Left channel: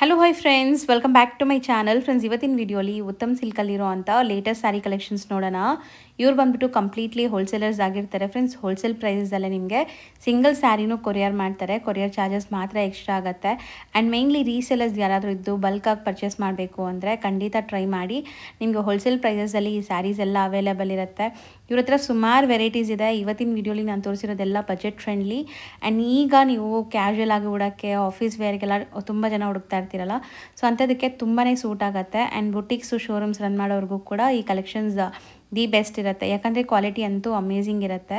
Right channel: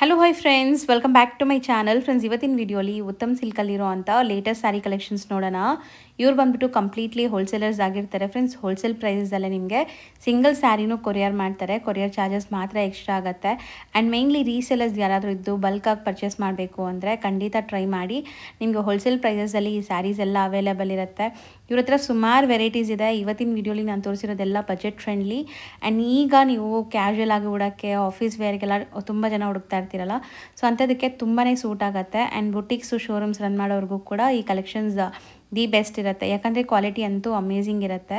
Hello hi friends, welcome back to my channel. Friends, ಇವತ್ತಿನ ವಿಡಿಯೋಲಿ ಉತ್ತಮ್ ಸಿಲ್ಕಲ್ಲಿರೋ ಅಂಥ ಲೇಟೆಸ್ಟ್ ಸ್ಯಾರಿ ಕಲೆಕ್ಷನ್ಸ್ ನೋಡೋಣ. ಇವ್ರು ಬಂದ್ಬಿಟ್ಟು ಕಂಪ್ಲೀಟ್ಲಿ ಹೋಲ್ಸೇಲರ್ಸ್ ಆಗಿರ್ತಾರೆ ಫ್ರೆಂಡ್ಸ್. ಹೋಲ್ಸೇಲ್ ಪ್ರೈಸಲ್ಲೇ ನಿಮಗೆ ಸಿಂಗಲ್ ಸ್ಯಾರಿನೂ ಕೊರಿಯರ್ ಮಾಡ್ತಾರೆ. ಕೊರಿಯರ್ ಚಾರ್ಜಸ್ ಮಾತ್ರ ಎಕ್ಸ್ಟ್ರಾ ಆಗುತ್ತೆ. ಆ್ಯಂಡ್ ಮೇಯ್ನ್ಲಿ ರೀಸೇಲರ್ಸ್ ಯಾರಾದರೂ ಇದ್ದು ಬಲ್ಕಾಗಿ ಪರ್ಚೇಸ್ ಮಾಡಬೇಕು ಅಂದರೆ ಖಂಡಿತ ಟ್ರೈ ಮಾಡಿ. ನಿಮಗೆ ಹೋಲ್ಸೇಲ್ ಪ್ರೈಸಲ್ಲಿ ಈ ಸ್ಯಾರೀಸ್ ಎಲ್ಲ ಅವೈಲೇಬಲ್ ಇರುತ್ತೆ. ಇವ್ರ ಹತ್ರ ಸುಮಾರು ವೆರೈಟೀಸ್ ಇದೆ. ಇವತ್ತಿನ ವಿಡಿಯೋಲಿ ನಾನು ತೋರಿಸಿರೋದೆಲ್ಲ ಬಜೆಟ್ ಫ್ರೆಂಡ್ಲಿ. ಆ್ಯಂಡ್ ಈಗ ನೀವು ಕ್ಯಾಶುಯಲ್ ಆಗಿ ಉಡೋಕ್ಕೆ, ಆಫೀಸ್ ವೇರ್ಗೆಲ್ಲ ತುಂಬ ಜನ ಹುಡುಕ್ತಾ ಇರ್ತೀರಲ್ಲ, ಸೊ ಅಂಥದಕ್ಕೆ ತುಂಬಾ ಸೂಟ್ ಆಗುತ್ತೆ. ಆ್ಯಂಡ್ ಬುಟಿಕ್ಸು, ಶೋರೂಮ್ಸ್ ರನ್ ಮಾಡೋರಿಗೂ ಕೂಡ ಈ ಕಲೆಕ್ಷನ್ಸ್ ದಿ ಬೆಸ್ಟ್ ಇರುತ್ತೆ. ಯಾಕಂದರೆ ಕ್ವಾಲಿಟಿ ಅಂತೂ ಅಮೇಝಿಂಗ್ ಇರುತ್ತೆ.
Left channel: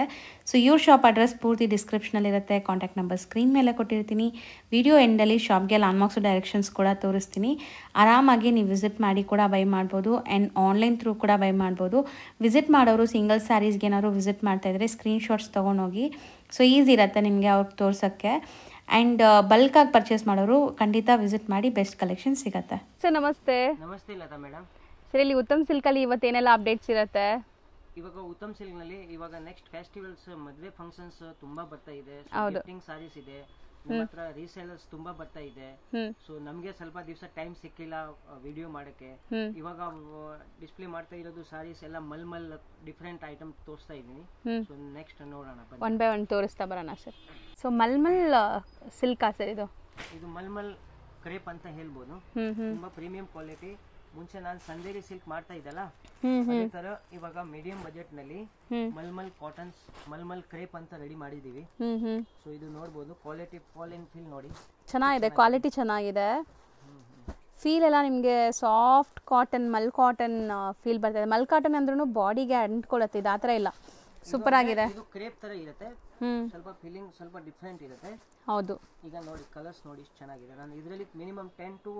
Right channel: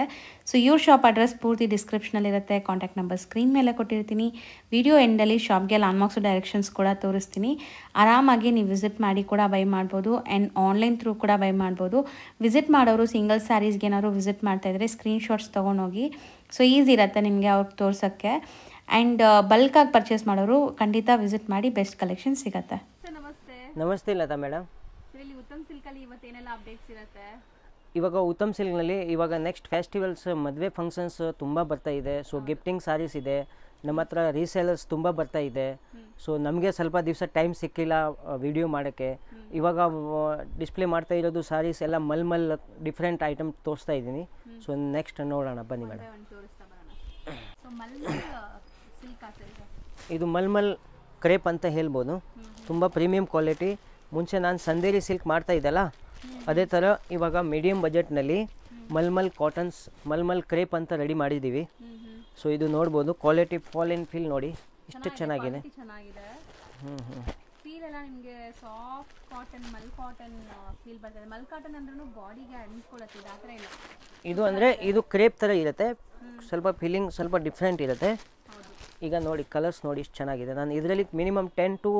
ಸೊ ಇವ್ರ ಶಾಪ್ ಅಡ್ರೆಸ್ ಪೂರ್ತಿ ಡಿಸ್ಕ್ರಿಪ್ಷನಲ್ಲಿರುತ್ತೆ. ಕಾಂಟ್ಯಾಕ್ಟ್ ನಂಬರ್ ಸ್ಕ್ರೀನ್ ಮೇಲೆ ಕೊಟ್ಟಿರ್ತೀನಿ. ವಿಡಿಯೋ ಎಂಡಲ್ಲಿ ಶಾಪ್ಗೆ ಲ್ಯಾಂಡ್ಮಾರ್ಕ್ಸು ಡೈರೆಕ್ಷನ್ಸ್ ಕೂಡ ತೋರಿಸ್ತೀನಿ. ಆರಾಮಾಗಿ ನೀವು ವಿಸಿಟ್ ಮಾಡಿ ಕೂಡ ಬೈ ಮಾಡ್ಬೋದು. ಆ್ಯಂಡ್ ಆನ್ಲೈನ್ ಥ್ರೂ ಕೂಡ ಬೈ ಮಾಡ್ಬೋದು. ವಿಸಿಟ್ ಮಾಡೋರು ಸಿಂಗಲ್ ಸ್ಯಾರೀಸ್ಗೆ ಏನಾದ್ರು ವಿಸಿಟ್ ಮಾಡ್ತಾಯಿದ್ರೆ ಸ್ಕ್ರೀನ್ಶಾಟ್ಸ್ ತೊಗೊಂಡೋಗಿ. ಸೊ ಈಸಿ ಇರುತ್ತೆ ನಿಮಗೆ ಅವ್ರಿಗೆ ತೋರ್ಸೋಕ್ಕೆ. ಆ್ಯಂಡ್ ಬಲ್ಕಾಗಿ ಪರ್ಚೇಸ್ ಮಾಡೋರು ಖಂಡಿತ ವಿಸಿಟ್ ಮಾಡಿ, ಬೆಸ್ಟ್ ಕಲೆಕ್ಷನ್ ಸಿಗುತ್ತೆ. ಸರ್ ನಮಸ್ತೆ. ನಮಸ್ತೆ ಲತಾ ಮೇಡಮ್. ಸರ್ ಇಲ್ಲಿ ಉತ್ತಮ್ ಸಿಲ್ಕಲ್ಲಿ ಇವತ್ತೇನೆಲ್ಲ ಅಪ್ಡೇಟ್ಸ್ ಇರುತ್ತೆ? ಇವಾಗ ಉತ್ತಮ್ ಸಿಲ್ಕ್ನಲ್ಲಿ ಇವಾಗ ನೆಕ್ಸ್ಟ್ ಫೆಸ್ಟಿವಲ್ಸ್, ಮದುವೆ ಫಂಕ್ಷನ್ಸ್ ತುಂಬ ಬರ್ತಾ ಇದೆ. ಸೊ ಗಿಫ್ಟಿಂಗ್ ಸಾರೀಸ್ ಇದೆ ನಮ್ಮ ಹತ್ರ. ರೀಸೇಲರ್ಸ್ ತುಂಬ ಬರ್ತಾ ಇದೆ. ಸೊ ನಮಗೆ ಸ್ವಲ್ಪ ದಿವಸ ಟೈಮ್ ಸಿಕ್ಕಿಲ್ಲ ವಿಡಿಯೋ ಮಾಡೋಕ್ಕೆ. ಇವಾಗ ಡಿಸ್ಪ್ಲೇ ಮಾಡ್ತಾ ಇರೋದು ಸಾರೀಸ್ ಎಲ್ಲ ಮಲ್ಮಲ್ ಡಿಫ್ರೆಂಟ್ ಐಟಮ್ ತೋರಿಸ್ತಾ ಇದ್ದೀನಿ. ಸೊ ನೆಕ್ಸ್ಟ್ ನೋಡೋಣ ಬನ್ನಿ. ಒನ್ ಬೈ ಒನ್ ತೋರಿಸ್ತಾ ಬರೋಣ ಸರ್. ಸೊ ಮಲ್ಮಲ್ ಸಿಲ್ಕಾ ಸರ್ ಇದು? ಇದು ಮಲ್ಮಲ್ ಕ್ರೇಪ್ ಅಂತ ಹೇಳ್ಬೋದು. ತುಂಬ ಪ್ರೀಮಿಯಂ ಕ್ವಾಲಿಟಿ. ಮುಂಚೆ ನಾನು ಸಂದೇರಿ ಸಿಲ್ಕ್ ಮಾಡ್ತಾ ಇದ್ದಲ್ಲ, ಅದೇ ತರ ಇವಾಗ ಮೀಡಿಯಂ ಬಜೆಟ್ ನಲ್ಲಿ ಮಲ್ಮಲ್ ಕಾಟನ್ಸ್, ಮಲ್ಮಲ್ ಕ್ರೇಪ್ ಅಂತ ರೆಡಿ ಮಾಡಿದೀವಿ. ಸೊ ಇದು ನೋಡಬಹುದು. ಕ್ವಾಲಿಟಿ ಫಾಲ್ ಇನ್ ಫೀಲ್ ನೋಡಿ, ಚೆನ್ನಾಗಿದೆ. ಕ್ವಾಲಿಟಿ ಚೆನ್ನಾಗಿದೆ. ಫೀಲ್ ಎಲ್ಲ ನಿಮಗೆ ಸಾಫ್ಟ್ ಕಾಟನ್, ಮಲ್ ಕಾಟನ್ ಫೀಲ್ ಬರ್ತದೆ. ಮಲ್ ಕಾಟನ್ ಅಂದ್ರೂ ಬಾಡಿಗೆ ಅಂಟ್ಕೊಳ್ಳುತ್ತೆ. ಇದು ಆ ಥರ ಇಲ್ಲ. ಸೂಪರ್ ಆಗಿದೆ. ಇದು ಕ್ರೇಪ್ ತರ ಇರುತ್ತೆ. ಸ್ವಲ್ಪ ಫೀಲಿಂಗ್ ಸ್ವಲ್ಪ ಡಿಫ್ರೆಂಟ್ ಇರುತ್ತೆ. ಹೌದು. ಈಗ ನೋಡಿ ಕಲರ್ಸ್ ನೋಡಿ ಎಷ್ಟು ಚೆನ್ನಾಗಿದೆ. ನಾನು ಇದರಲ್ಲಿ ಮಿನಿಮಮ್ 10 to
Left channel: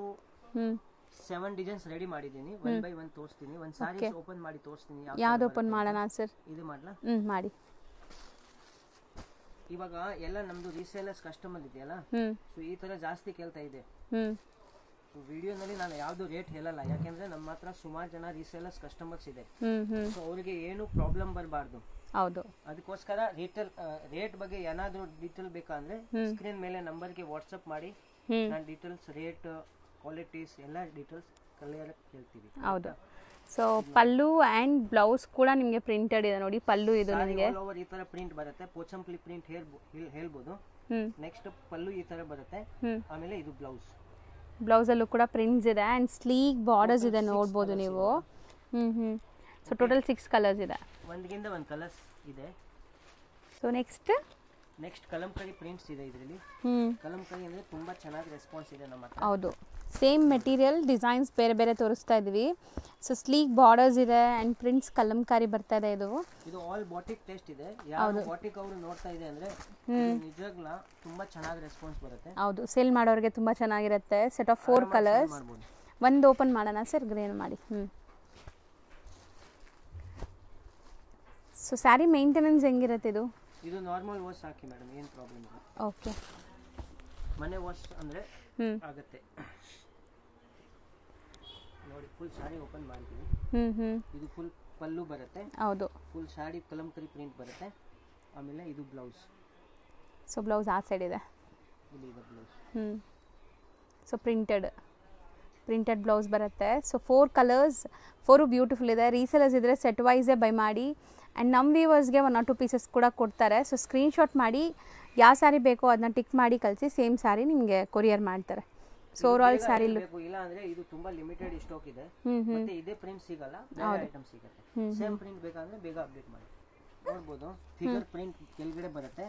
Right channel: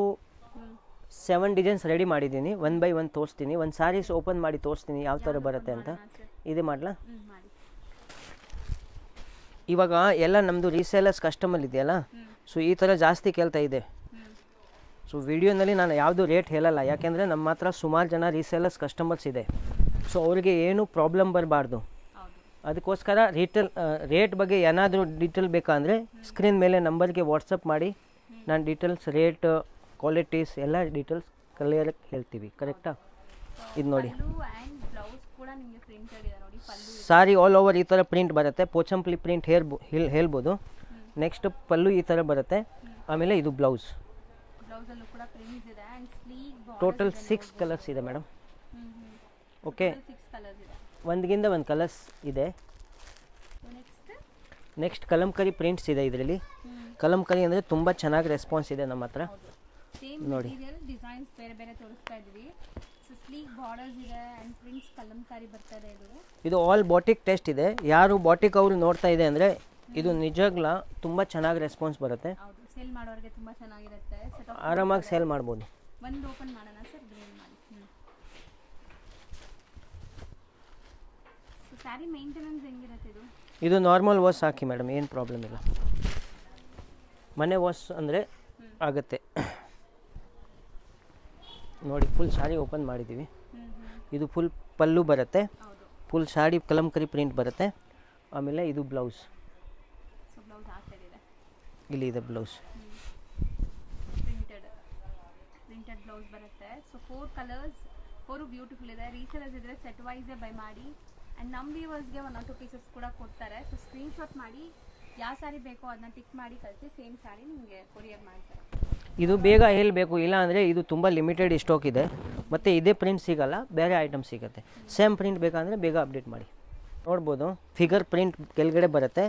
7 ಡಿಸೈನ್ಸ್ ರೆಡಿ ಮಾಡಿದ್ದೀನಿ. ಒನ್ ಬೈ ಒನ್ ತೋರಿಸ್ತೀನಿ. ಒಂದು ಸಾರೀಸ್ ಓಪನ್ ಮಾಡಿ ತೋರಿಸ್ತೀನಿ ಯಾವ ತರ ಬರುತ್ತೆ ಅಂತ. ಇದೆ ಮಾಡ್ಲಾ? ಮಾಡಿ. ಇವಾಗ ಎಲ್ಲ ನಮ್ದು ರೀಸೇಲರ್ಸ್ ಕಸ್ಟಮರ್ ಇದೆಯಲ್ಲ, ಸೊ ಈ ತರ ಜಾಸ್ತಿ ಕೇಳ್ತಾ ಇದೆ. ಸೊ ವಿಡಿಯೋನಲ್ಲಿ ನಾನು ಯಾವುದು ರೇಟ್ ಹೇಳಲ್ಲ, ಯಾಕೆಂದ್ರೆ ನಮ್ಮ ಹತ್ರ ಸುಮಾರು ಜನ ರೀಸೇಲರ್ಸ್ ಕಸ್ಟಮರ್ಸ್ ಇದೆ. ಸೊ ಅವ್ರಿಗೆ ಏನು ಪ್ರಾಬ್ಲಮ್ ಬರಬಾರ್ದು. ಹೌದು. ಅದಕ್ಕೋಸ್ಕರ ರೇಟ್ ಬಗ್ಗೆ ಏನಾದರೂ ಡೀಟೇಲ್ ಬೇಕಂದ್ರೆ ಸ್ಕ್ರೀನ್ ಮೇಲೆ ನಂಬರ್ಗೆ ವಾಟ್ಸಪ್ ಮಾಡಿ. ನಾನು ಡೀಟೇಲ್ಸ್, ರೇಟ್, ಕ್ವಾಲಿಟೀಸ್ ಎಲ್ಲ ಡೀಟೇಲ್ಸ್ ಕ್ಲಿಯರ್ ಹೇಳ್ತೀವಿ. ಕರೆಕ್ಟಾ? ಸೊ ಪಲ್ಲು ಆ್ಯಂಡ್ ಬ್ಲೌಸ್ ಕೂಡ ನಿಮಗೆ ಪ್ರಿಂಟೆಡ್ ಇದೆ ನೋಡಿ. ಪಲ್ಲು ಇದೆ, ಸಾರಿ ಆಲ್ ಓವರ್ ಈ ತರ ಪ್ರಿಂಟ್ ಬರುತ್ತೆ. ಪೋಚಂಪ್ಲಿ ಪ್ರಿಂಟ್ ಹೇಳ್ಬೋದು. ನೆಕ್ಸ್ಟ್ ಪಲ್ಲು ಈ ತರ ಬರುತ್ತೆ. ಆಮೇಲೆ ಇದು ಬ್ಲೌಸ್. ಬ್ಲೌಸ್ ಅಲ್ಲೂ ಕೂಡ ಪ್ರಿಂಟ್ಸ್ ಇದೆ ಆ್ಯಂಡ್ ಸ್ಲೀಕ್ ಬಾರ್ಡರ್ಸ್ ಇದೆ, ನೋಡ್ಬೋದು ನೀವು. ಸೊ ಟೋಟಲ್ 6 ಕಲರ್ಸ್ ಇದೆ. ಒಂದಗಿಂತ ಒಂದು ಕಲರ್ಸ್ ಇದೆ. ಸೊ ನೆಕ್ಸ್ಟ್ ಕಲಂಕರಿ ಪ್ರಿಂಟ್ಸ್ ಇದೆ ಇದರಲ್ಲಿ. ಕಲಂಕರಿ ಅಂದ್ರೆ ತುಂಬಾ ಚೆನ್ನಾಗಿ ರೆಸ್ಪಾನ್ಸ್ ಇದೆ ನಮ್ಮ ಹತ್ರ. ಹೌದು. ಸೇಮ್ ಮೆಟೀರಿಯಲ್, ಡಿಸೈನ್ಸ್ ಬೇರೆ ಬೇರೆ ತೋರಿಸ್ತಾ ಇದೀವಿ. ಸೊ ಸ್ಲೀಕ್ ಬಾರ್ಡರ್ಸ್ ಇದೆ ಆ್ಯಂಡ್ ಪ್ರಿಂಟ್ಸ್ ಕಲಂಕಾರಿ ಬರ್ತಾ ಇದೆ. ಇದು ಆಲ್ ಬಾಟಿಕ್ ಟೆಸ್ಟ್ ಇದೆ. ಯಾರು ಬಾಟಿಕ್ ಅವರು ನೋಡ್ತಾ ಇದೆ ಅಂದ್ರೆ ಇದು ನಿಜವಾಗ್ಲೂ ತುಂಬಾ ಚೆನ್ನಾಗಿ ರೆಸ್ಪಾನ್ಸ್ ಬರುತ್ತೆ. ಹೌದು. ಸೇಲ್ ಮಾಡೋರಿಗೆ ತುಂಬಾ ಚೆನ್ನಾಗಿರುತ್ತೆ. ಸೆಟ್ ಆಫ್ 4 ಕಲರ್ಸ್ ಸೇಲ್ ಮಾಡಬಹುದು. ಒಂದು ಓಪನ್ ಮಾಡೋಣ ಸರ್, ಗ್ರೇನ್ ಮಾಡಿ. ಸೊ ಸ್ಯಾರಿ ಮೇಂಟೆನೆನ್ಸ್ ಹೆಂಗಿರುತ್ತೆ ಇದು? ಇದು ನಾರ್ಮಲ್ ವಾಶ್ ಹಾಕಿ ಮೇಡಮ್, ಏನು ಪ್ರಾಬ್ಲಮ್ ಇಲ್ಲ. ಓಕೆ. ಮನೆ ವಾಶ್ ಅಂದರೆ ಆಗುತ್ತೆ. ನೋಡಿ ಫುಲ್ ಸಾರಿ ಓಪನ್ ಮಾಡಿದ್ದೀವಿ. ಇದು ಫುಲ್ ಪಲ್ಲು ಬರುತ್ತೆ. ಹೌದು. ಫುಲ್ ಸಾಡಿ ಕಲಂಕರಿ ಪ್ರಿಂಟ್ ಬರುತ್ತೆ. ಆಮೇಲೆ ಇದು ಬ್ಲೌಸ್. ಸೊ ಬ್ಲೌಸ್ ಆ ಸೈಡ್ ಇದೆ, ಇಲ್ಲಿ ಇದೆ ಬ್ಲೌಸ್. ಸೊ ಪ್ರಿಂಟೆಡ್ ಬ್ಲೌಸ್ ಬರುತ್ತೆ. ಸೊ 4 ಕಲರ್ಸ್, 4 ಬ್ಯೂಟಿಫುಲ್ ಇದೆ. ರೀಸೇಲರ್ಸ್ ಇದ್ದರೆ ಸೆಟ್ ವೈಸೇ ಬೈ ಮಾಡಿ. ಆ್ಯಂಡ್ ನಮ್ಮ ವ್ಯೂವರ್ಸ್ಗೆ 1 or 2 ಪೀಸಸ್ ಕೂಡ ಕೊಡ್ತಾರೆ. ಸೊ ಸ್ಕ್ರೀನ್ಶಾಟ್ ಮಾಡಿ ಯಾವ ಸ್ಯಾರಿ ಬೇಕೋ ಅದನ್ನ ಟಿಕ್ ಮಾಡಿ ಕಳಿಸಿ. ಸೇಮ್ ಸ್ಯಾರಿ ನಿಮಗೆ ಕೊರಿಯರ್ ಮಾಡ್ತಾರೆ. ಇದು ಬೇಗ ಹೇಳಬೇಕು, ಇಲ್ಲ ಅಂದರೆ ಇದು ತುಂಬ ಲಿಮಿಟೆಡ್ ಸ್ಟಾಕ್ ಇದೆ. ಮತ್ತೆ ಇದೇ ಪ್ರಿಂಟ್ ಸಿಗಲ್ಲ, ಬೇರೆ ಐಟಮ್ ಸಿಗುತ್ತೆ. ಸೇಮ್ ಪ್ರಿಂಟ್ ಬೇಕಂದ್ರೆ ಬೇಗ ಅಪ್ಡೇಟ್ ಮಾಡಿ. ನೋಡ್ಬೋದು ಫಿಗರ್ ಪ್ರಿಂಟ್ ಕೆಳಗಡೆ ಬರುತ್ತೆ.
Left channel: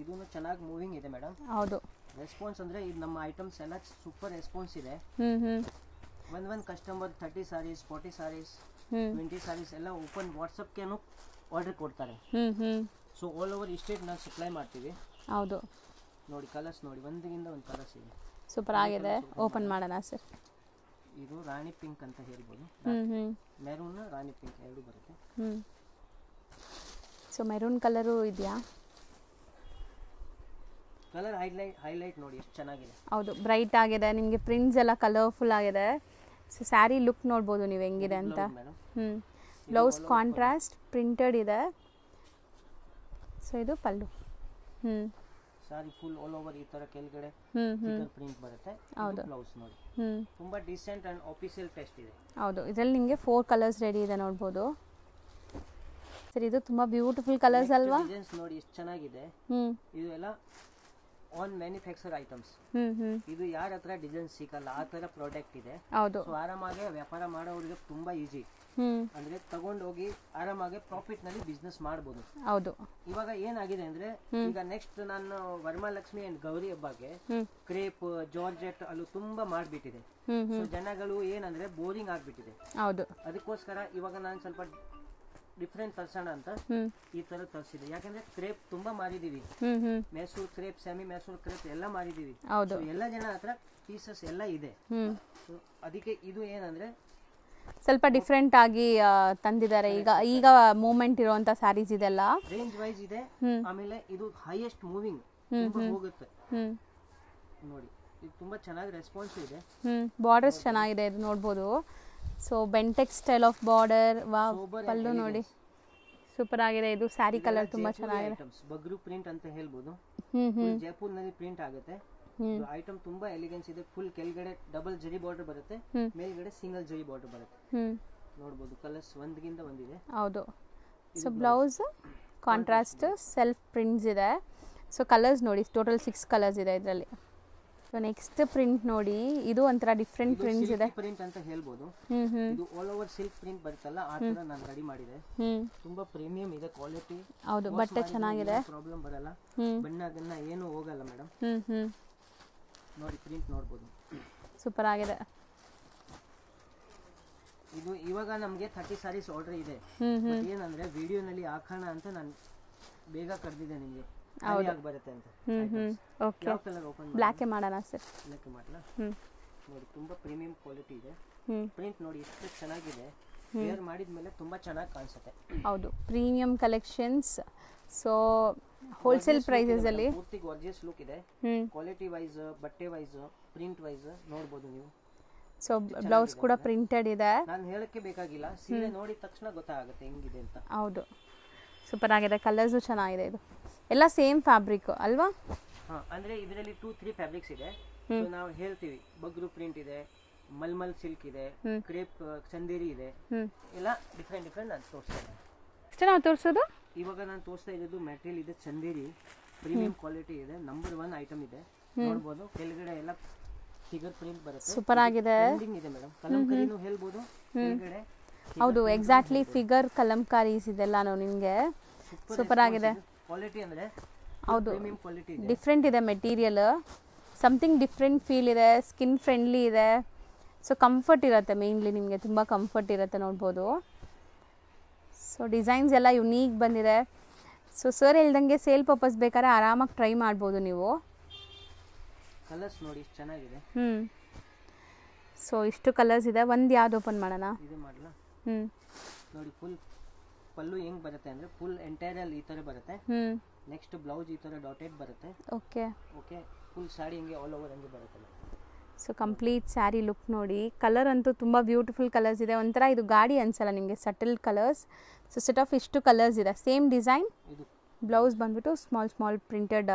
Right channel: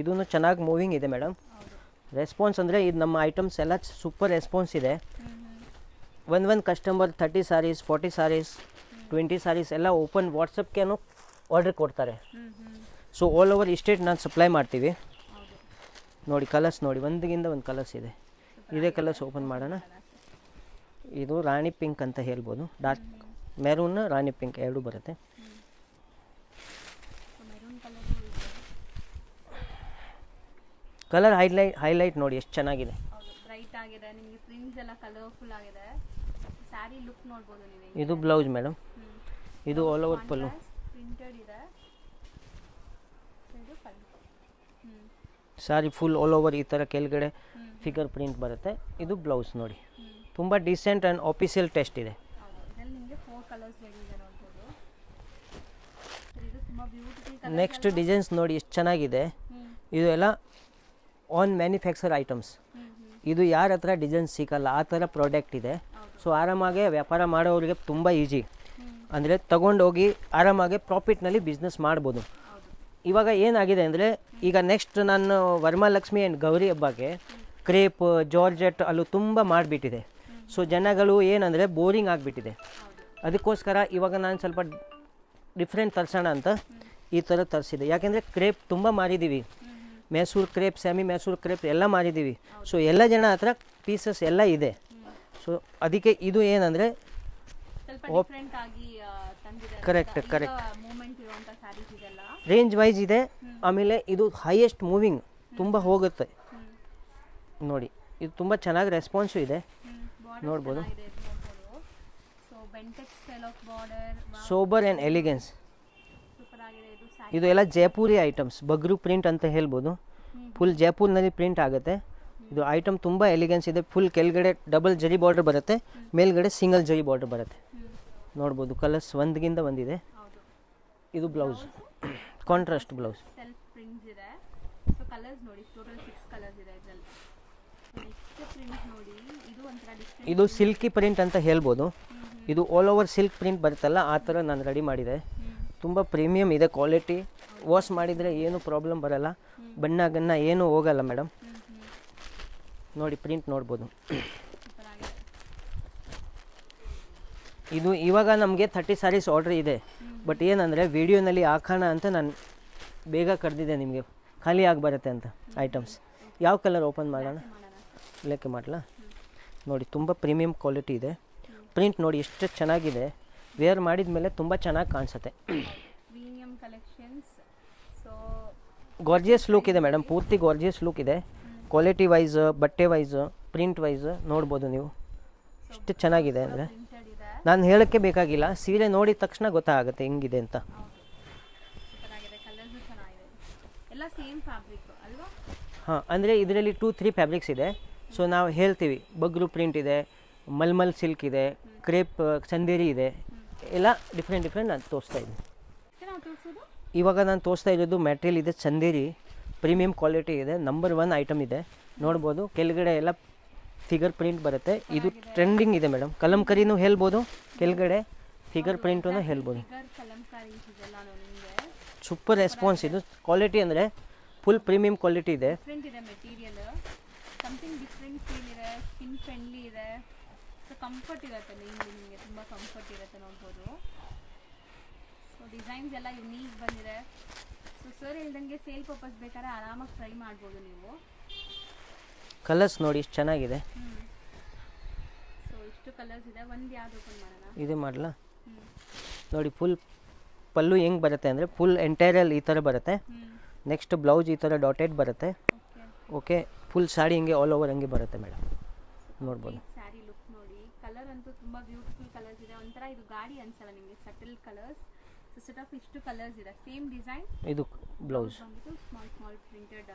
ಇದನ್ನು ಚೆನ್ನಾಗಿ ಮೂವಿಂಗ್ ಇದೆ ಮೇಡಮ್. ಹೌದು. ರೆಸ್ಪಾನ್ಸ್ ಅಂದರೆ ಇದು ನಮ್ಮ ಐಟಮ್ಸ್ ಎಲ್ಲ ಸೂಪರ್ ರೆಸ್ಪಾನ್ಸ್ ಇದೆ. ಒಂದು ಕಸ್ಟಮರ್ 30 ಸಾರೀಸ್, 40 ಸಾರೀಸ್, 20 ಸಾರೀಸ್ ಎಲ್ಲ ಓಪನ್ ವಾಟ್ಸಪ್ಗೇನು ಆರ್ಡರ್ ಕೊಡ್ತಾರೆ. ಸೊ ಆಲ್ ಓವರ್ ಸ್ಟೇಟ್ ನಾನು ಸಪ್ಲೈ ಮಾಡ್ತೀವಿ. ಹೌದು. ನೋಡಿ ಕಲರ್ಸ್ ನೋಡಿ, ಒಂದಗಿಂತ ಒಂದು ಕಲರ್ಸ್ ಇದೆ. ಸೂಪರ್ ಆಗಿದೆ. ಕಲರ್ಸ್ ಓಪನ್ ಮಾಡೋಣ ಸರ್. ಇದು ರಾಣಿ ಪಿಂಕ್ ಅಂತ ಹೇಳ್ಬೋದು. ಡಾರ್ಕ್ ಮೆರೂನ್, ರಾಣಿ ಪಿಂಕ್ ಎರಡು ಬರುತ್ತೆ. ಸೊ ಮೆರೂನ್ ಕಲರು ಇದೆಯಾ? ಕಲರ್ ಹೈಲೈಟ್ ನೋಡಿ ಎಷ್ಟು ಚೆನ್ನಾಗಿದೆ. ಹೌದು, ಬ್ರೈಟ್ ಆಗಿದೆ. ನಿಮಗೆ ಪ್ರಿಂಟ್ಸ್ ಎಲ್ಲ ಕಲರ್ಫುಲ್ ಆಗಿದೆ. ಸೊ ಸ್ಯಾರಿ ಲುಕ್ ನೋಡ್ಬೋದು ನೀವು ಹೆಂಗಿದೆ ಅಂತ. ಇದು blouse madam. Blouse contrast printed ಇದೆ. ಸೊ ಇದು ಪಲ್ಲು. ಸಾರಿ ಫುಲ್ ಆಲ್ ಓವರ್ ಈ ಥರ ಕೆಳಗಡೆ ಫಿಗರ್ ಪ್ರಿಂಟ್ ಬರುತ್ತೆ. ಇದು ಬ್ಲೌಸ್ ನೋಡಿ, ತುಂಬ ಡಿಸೆಂಟ್ ಆ್ಯಂಡ್ ಆಫಿಷಿಯಲ್ ಟೆಸ್ಟ್ ಇದೆ. ಹೌದು, ಇದರಲ್ಲಿ ನಿಮಗೆ 4 ಕಲರ್ಸ್ ರೆಡಿ ಇದೆ ನೋಡ್ಬೋದು ಸರ್. ಇದು ತುಂಬ ಬ್ಯೂಟಿಫುಲ್ ಕಲರ್ಸ್ ನೆಕ್ಸ್ಟ್ ಡಿಸೈನ್ಸ್ ನೋಡಿ ಎಷ್ಟು ಚೆನ್ನಾಗಿದೆ. ಇದು ಎಲ್ಲ ಆನ್ ಮ್ಯಾನುಫ್ಯಾಕ್ಚರ್ ಐಟಮ್ಸ್. ಇದು ಯಾರ ಹತ್ರ ಡಿಸೈನ್ ಸಿಗಲ್ಲ ಆ ಥರ ಪ್ರಾಡಕ್ಟ್ ಇದೆ. ಸೊ ಆರಾಮಾಗಿ ವ್ಯಾಪಾರ ಮಾಡೋರಿಗೆ ತುಂಬ ಈಜಿ. ಅಂದರೆ ತಗೊಂಡೋಗಿ ಆರಾಮಾಗಿ ಪ್ರಾಫಿಟ್ನಲ್ಲಿ ಬಿಸ್ನೆಸ್ ಮಾಡ್ಬೋದು. ಹೌದು, ಇವಾಗ ಏನಾಗಿದೆ ಅಂದರೆ ಈಗ ನೆಕ್ಸ್ಟ್ ನಾನು ವರಮಹಾಲಕ್ಷ್ಮಿ ಆ್ಯಂಡ್ ಗೌರಿ ಹಬ್ಬಕ್ಕೆ ಕ್ರೇಪ್ ಜಾರ್ಜೆಟ್ ಅಲ್ಲೂ ತುಂಬ ಮಾಡಿಬಿಟ್ಟಿದೆ. ಸೊ ಜನಗಳು ಏನಂದರೆ ಬೋರಿಂಗ್ ಆಗಿಬಿಟ್ಟಿದೆ. ಹೌದು, ಅದಕ್ಕೋಸ್ಕರ ಇವಾಗ ನಾನು ಸ್ವಲ್ಪ ಡಿಫ್ರೆಂಟ್ ತರ್ಸೋಣ ಅಂತ ಈ ಥರ ತರಿಸಿದೆ. ಯಾಕೆಂದರೆ ಕ್ರೇಪ್ ತುಂಬ ಮಾರಿದ್ದೀವಿ, Mysuru crepe, semi Mysuru crepe ಎಲ್ಲ ಮಾರಿದ್ದೀವಿ. ಸೊ ಎಲ್ಲ ಜನ ಹತ್ರ ಪೀಸಸ್ ಎಲ್ಲ ಇದೆ. ಸೊ ಅದಕ್ಕೆ ಇದು ಏನಂದರೆ ಸ್ವಲ್ಪ ಡಿಫ್ರೆಂಟ್ ಆಗಿ ತಂದಿದ್ದಾರೆ. ಈಗ ಮೂವ್ಮೆಂಟ್ ಇರುವಂತ ಸ್ಯಾರೀಸ್ ಇದೆಲ್ಲ ರೇಂಜ್ ವೈಸ್ ಇದೆ. ಆಮೇಲೆ ಇದು ಹೈಯೆಸ್ಟ್ ಮೂವಿಂಗ್ ತುಂಬ ಹೋಗುತ್ತೆ ನೋಡಿ. ಇದು ತುಂಬ ಚೆನ್ನಾಗಿ ರೆಸ್ಪಾನ್ಸು ಇದೆ. ಬಾರ್ಡರ್ಸ್ ಚೆನ್ನಾಗಿದೆ ಇದು ನೋಡ್ಬೋದು. So Bentex style of border, sober and elegance super ಆಗಿದೆ. ಇದು ಸ್ಯಾರಿ ಇದು ಎಲ್ಲ ಜೈಪುರಿ ಐಟಮ್ಸ್, ಬಗ್ರು ಪ್ರಿಂಟ್ ಅಂತ ಹೇಳ್ಬೋದು. ಫುಲ್ ಜೈಪುರ್ನಲ್ಲಿ ಪ್ರಿಂಟ್ ಆಗುತ್ತೆ. ಇದು ಐಟಮ್ ತುಂಬಾ ಎಲಿಗೆನ್ಸ್ ಇದೆ. ಫುಲ್ ಕೆಳಗಡೆ ಡಬಲ್ ಜರಿ ಬಾರ್ಡರ್ ಬರುತ್ತೆ, ಮೇಲ್ಗಡೆ ಸಿಂಗಲ್ ಜರಿ ಬಾರ್ಡರ್ ಬರುತ್ತೆ. ನೋಡಬಹುದು ಕಲರ್ಸ್ ಒಂದಗಿಂತ ಒಂದಿದೆ. ಹೌದು, ಇದು ಬ್ಲೌಸ್ ಕಾಂಟ್ರಾಸ್ಟ್ ಸೆಲ್ಫ್ ಪ್ರಿಂಟ್ಸ್ ಇದೆ. ಸೊ ಕಲರ್ಸ್ ನೋಡಿ, ಟೋಟಲ್ 6 ಕಲರ್ಸ್ ಇದೆ ಇದರಲ್ಲಿ. ಸೊ ನೆಕ್ಸ್ಟ್ ಪ್ರಿಂಟ್ ನೋಡಿ, ಇದು ಒಂಥರ ಡಿಫ್ರೆಂಟ್. ಇದು ಸಿಲ್ಕಿ ಪ್ರಿಂಟ್ ಅಂತ ಹೇಳ್ಬೋದು. ಇದು ಆಲ್ ಓವರ್ ಸಿಲ್ಕ್ ಪ್ರಿಂಟ್ ಬರುತ್ತಲ್ಲ ಆ ತರ ನಾನು ರೆಡಿ ಮಾಡಿದೆ. ತುಂಬಾ ಪ್ರೀಮಿಯಂ ಇದೆ ಕ್ವಾಲಿಟಿ. ವಾಶ್ ಮಾಡಿದ್ರೆ ಏನು ಪ್ರಾಬ್ಲಮ್ ಬರಲ್ಲ, ಬಣ್ಣ ಗಣ್ಣ ಏನು ಹೋಗಲ್ಲ ಮೇಡಮ್. ನೋಡಿ ಪ್ರಿಂಟ್ ನೋಡ್ಬೋದು, ಸೂಪರ್ ಆಗಿದೆ. ಇದು ಇವಾಗ ನಮಗೆ 30 ಸ್ಯಾರೀಸ್ ಆರ್ಡರ್ ಇದೆ. ಬಟ್ ಏನಂದ್ರೆ ವಿಡಿಯೋನಲ್ಲಿ ಹಾಕೋಣ ಅಂತ ನಾನು ಬೇಗ ಕರೆದಿದ್ದೆ, ನಿಮಗೆ ಖಾಲಿ ಆಗಿ ಬರುತ್ತೆ ಅಂತ ಐಟಮ್ಸ್. ಯಾವ ಕಲರ್ ಓಪನ್ ಮಾಡೋಣ ಸರ್? ಬ್ಲ್ಯಾಕ್ ಮಾಡಲಾ? ನೋಡಿ ತುಂಬ ಪ್ರೀಮಿಯಂ ಕ್ವಾಲಿಟಿ ಇದೆ. ಪ್ರಿಂಟ್ ನೋಡಿ ಎಷ್ಟು ಚೆನ್ನಾಗಿದೆ. ವೇರ್ ಮಾಡಿದ ಮೇಲೆ ತುಂಬ ಚೆನ್ನಾಗಿ ಕಾಣಿಸುತ್ತೆ. ಹೌದು, premium collections. So gorgeous look ಇದೆ ಮೇಡಮ್, ಪೂರ್ತಿ ಗಾರ್ಜಿಯಸ್ ಲುಕ್ ಇದೆ. ಕ್ವಾಲಿಟಿ ವೈಸ್, ಬಟ್ಟೆ ವೈಸ್, ಪ್ರಿಂಟ್ ವೈಸ್ ನೋಡ್ಬೋದು ನೀವು. ಸೊ ಚೆನ್ನಾಗಿದೆ, ಪ್ರಿಂಟೆಡ್ ಇದೆ. ನಾನು ಹೇಳಕ್ಕೆ ಬೇಕಾಗಿಲ್ಲ, ಸೀರೆ ನೋಡಿದ ತಕ್ಷಣ ಗೊತ್ತಾಗುತ್ತೆ ಹೆಂಗಿದೆ ಅಂತ. ಹೌದು, ಸೂಪರ್ ಆಗಿದೆ. ಕಲರ್ಸು ಚೆನ್ನಾಗಿದೆ. ಇದು ಎಲ್ಲ ಸೇಮ್ ಫ್ಯಾಬ್ರಿಕ್ ಅಲ್ವಾ? ಹಾಂ, ಅಂದರೆ ಇದರಲ್ಲಿ 2-3 ಫ್ಯಾಬ್ರಿಕ್ಸ್ ಇದೆ. ಸೊ ನಾವು ಹೇಳ್ತೀವಿ, ಬಗ್ರು ಪ್ರಿಂಟ್ ಇದೆ, ಮಲ್ಮಲ್ ಸಿಲ್ಕ್ ಇದೆ, ಕ್ರೇಪ್ ಚಂದೇರಿ ಇದೆ, ಎಲ್ಲ ಡಿಫ್ರೆಂಟ್ ನಾನು ತೋರಿಸ್ತಾ ಇದ್ದೀನಿ. ಇಷ್ಟೇ ನಾವು ತೋರಿಸೋದು? ಇವಾಗ ನಾನು ತೋರಿಸ್ತಾ ಇರೋದು ಮೆಟೀರಿಯಲ್ ಇದೆ ಚಂದೇರಿ, ಪ್ರೀಮಿಯಂ ಕ್ವಾಲಿಟಿ ಇದೆ, ನಂಬರ್ 1 ಐಟಮ್ ಇದೆ. ನೋಡ್ಬೋದು ಕೆಳಗಡೆ ಎಲ್ಲ ಫಿಗರ್ ಪ್ರಿಂಟ್ ಬರುತ್ತೆ. ಟ್ರೆಂಡಿಂಗ್ ಇದೆ ಮೇಡಮ್. ಕಲಂಕರಿನೂ ಹೇಳ್ಬೋದು ಕೆಳಗಡೆ ಫಿಗರ್ ಪ್ರಿಂಟ್. ಎಕ್ಸಾಕ್ಟ್ಲಿ ಫಿಗರ್ ಕಲಂಕಾರೀಸ್ ಇದೆಲ್ಲ ನಿಮಗೆ ಸೂಪರ್ ರೆಸ್ಪಾನ್ಸ್. ಇದು ಕ್ವಾಲಿಟಿ ಅಂದ್ರೆ ಫುಲ್ ಪ್ರೀಮಿಯಂ ಕ್ವಾಲಿಟಿ ಇದೆ. ಡಿಫ್ರೆಂಟ್ ಇದೆ ಮೆಟೀರಿಯಲ್, ಸಮಥಿಂಗ್ ಡಿಫ್ರೆಂಟ್ ಫೀಲ್ ಇದೆ, ಸ್ಕಿನ್ ಫ್ರೆಂಡ್ಲಿ ಇದೆ. ಸೊ ಕಂಫರ್ಟ್ ಇರುತ್ತೆ, ಮೇನ್ಲಿ ನಿಮಗೆ ತುಂಬ ಕಂಫರ್ಟ್ ಇರುತ್ತೆ ನೋಡ್ಬೋದು. ಸೊ ಡಿಸೈನ್ಸ್ ಎಲ್ಲ ಯುನೀಕ್ ಬಂದಿದೆ. ಸೊ ಸರ್ ಹೇಳ್ದಂಗೆ ಸೇಲ್ ಪರ್ಪಸ್ ಬೇಕಾದ್ರೆ ಆರಾಮಾಗಿ ಟ್ರೈ ಮಾಡ್ಬೋದು ನೀವು. ಕಲರ್ಸ್ ನೋಡಿ ಇಷ್ಟು ಚೆನ್ನಾಗಿದೆ. ಸೊ ಇಷ್ಟು ಕಲರ್ಸ್ ಇದೆ. ಒಂದು ಯಾವ್ದು ಓಪನ್ ಮಾಡೋಣ? ಇದು ಮಾಡಲಾ? ನೋಡಿ ಫುಲ್ ಪಲ್ಲು ಹೆಂಗ್ ಬರುತ್ತೆ ಅಂದರೆ ಫುಲ್ ಎಂಟೈರಲ್ ಈ ಥರ ಬರುತ್ತೆ. ನೆಕ್ಸ್ಟ್ ಬ್ಲೌಸ್ ಈ ಥರ ಡಾಟೆಡ್ ಬರುತ್ತೆ. ಓಕೆ, ಫುಲ್ ಸಾಡಿ ಹಿಂಗೆ ಆಲ್ ಓವರ್ ಹಂಗೆ ಬರುತ್ತೆ madam. So complete sari look ನೋಡಿ. ಕಲರ್ ಅಂತೂ ತುಂಬ ಬ್ಯೂಟಿಫುಲ್ ಕಲರ್ಸ್ ಇದೆ. ಒಂಥರ ಇದು ಗಾಡಿ ಅನ್ಸಲ್ಲ ನಿಮಗೆ, subtle colours. So set of ಇಷ್ಟು ಕಲರ್ಸ್ ಇದೆ, ಸೇಮ್ ಡಿಸೈನ್. ಇದು ಬ್ಲೌಸ್ ಬಂದ್ಬಿಟ್ಟು ಸ್ಮಾಲ್ ಪ್ರಿಂಟೆಡ್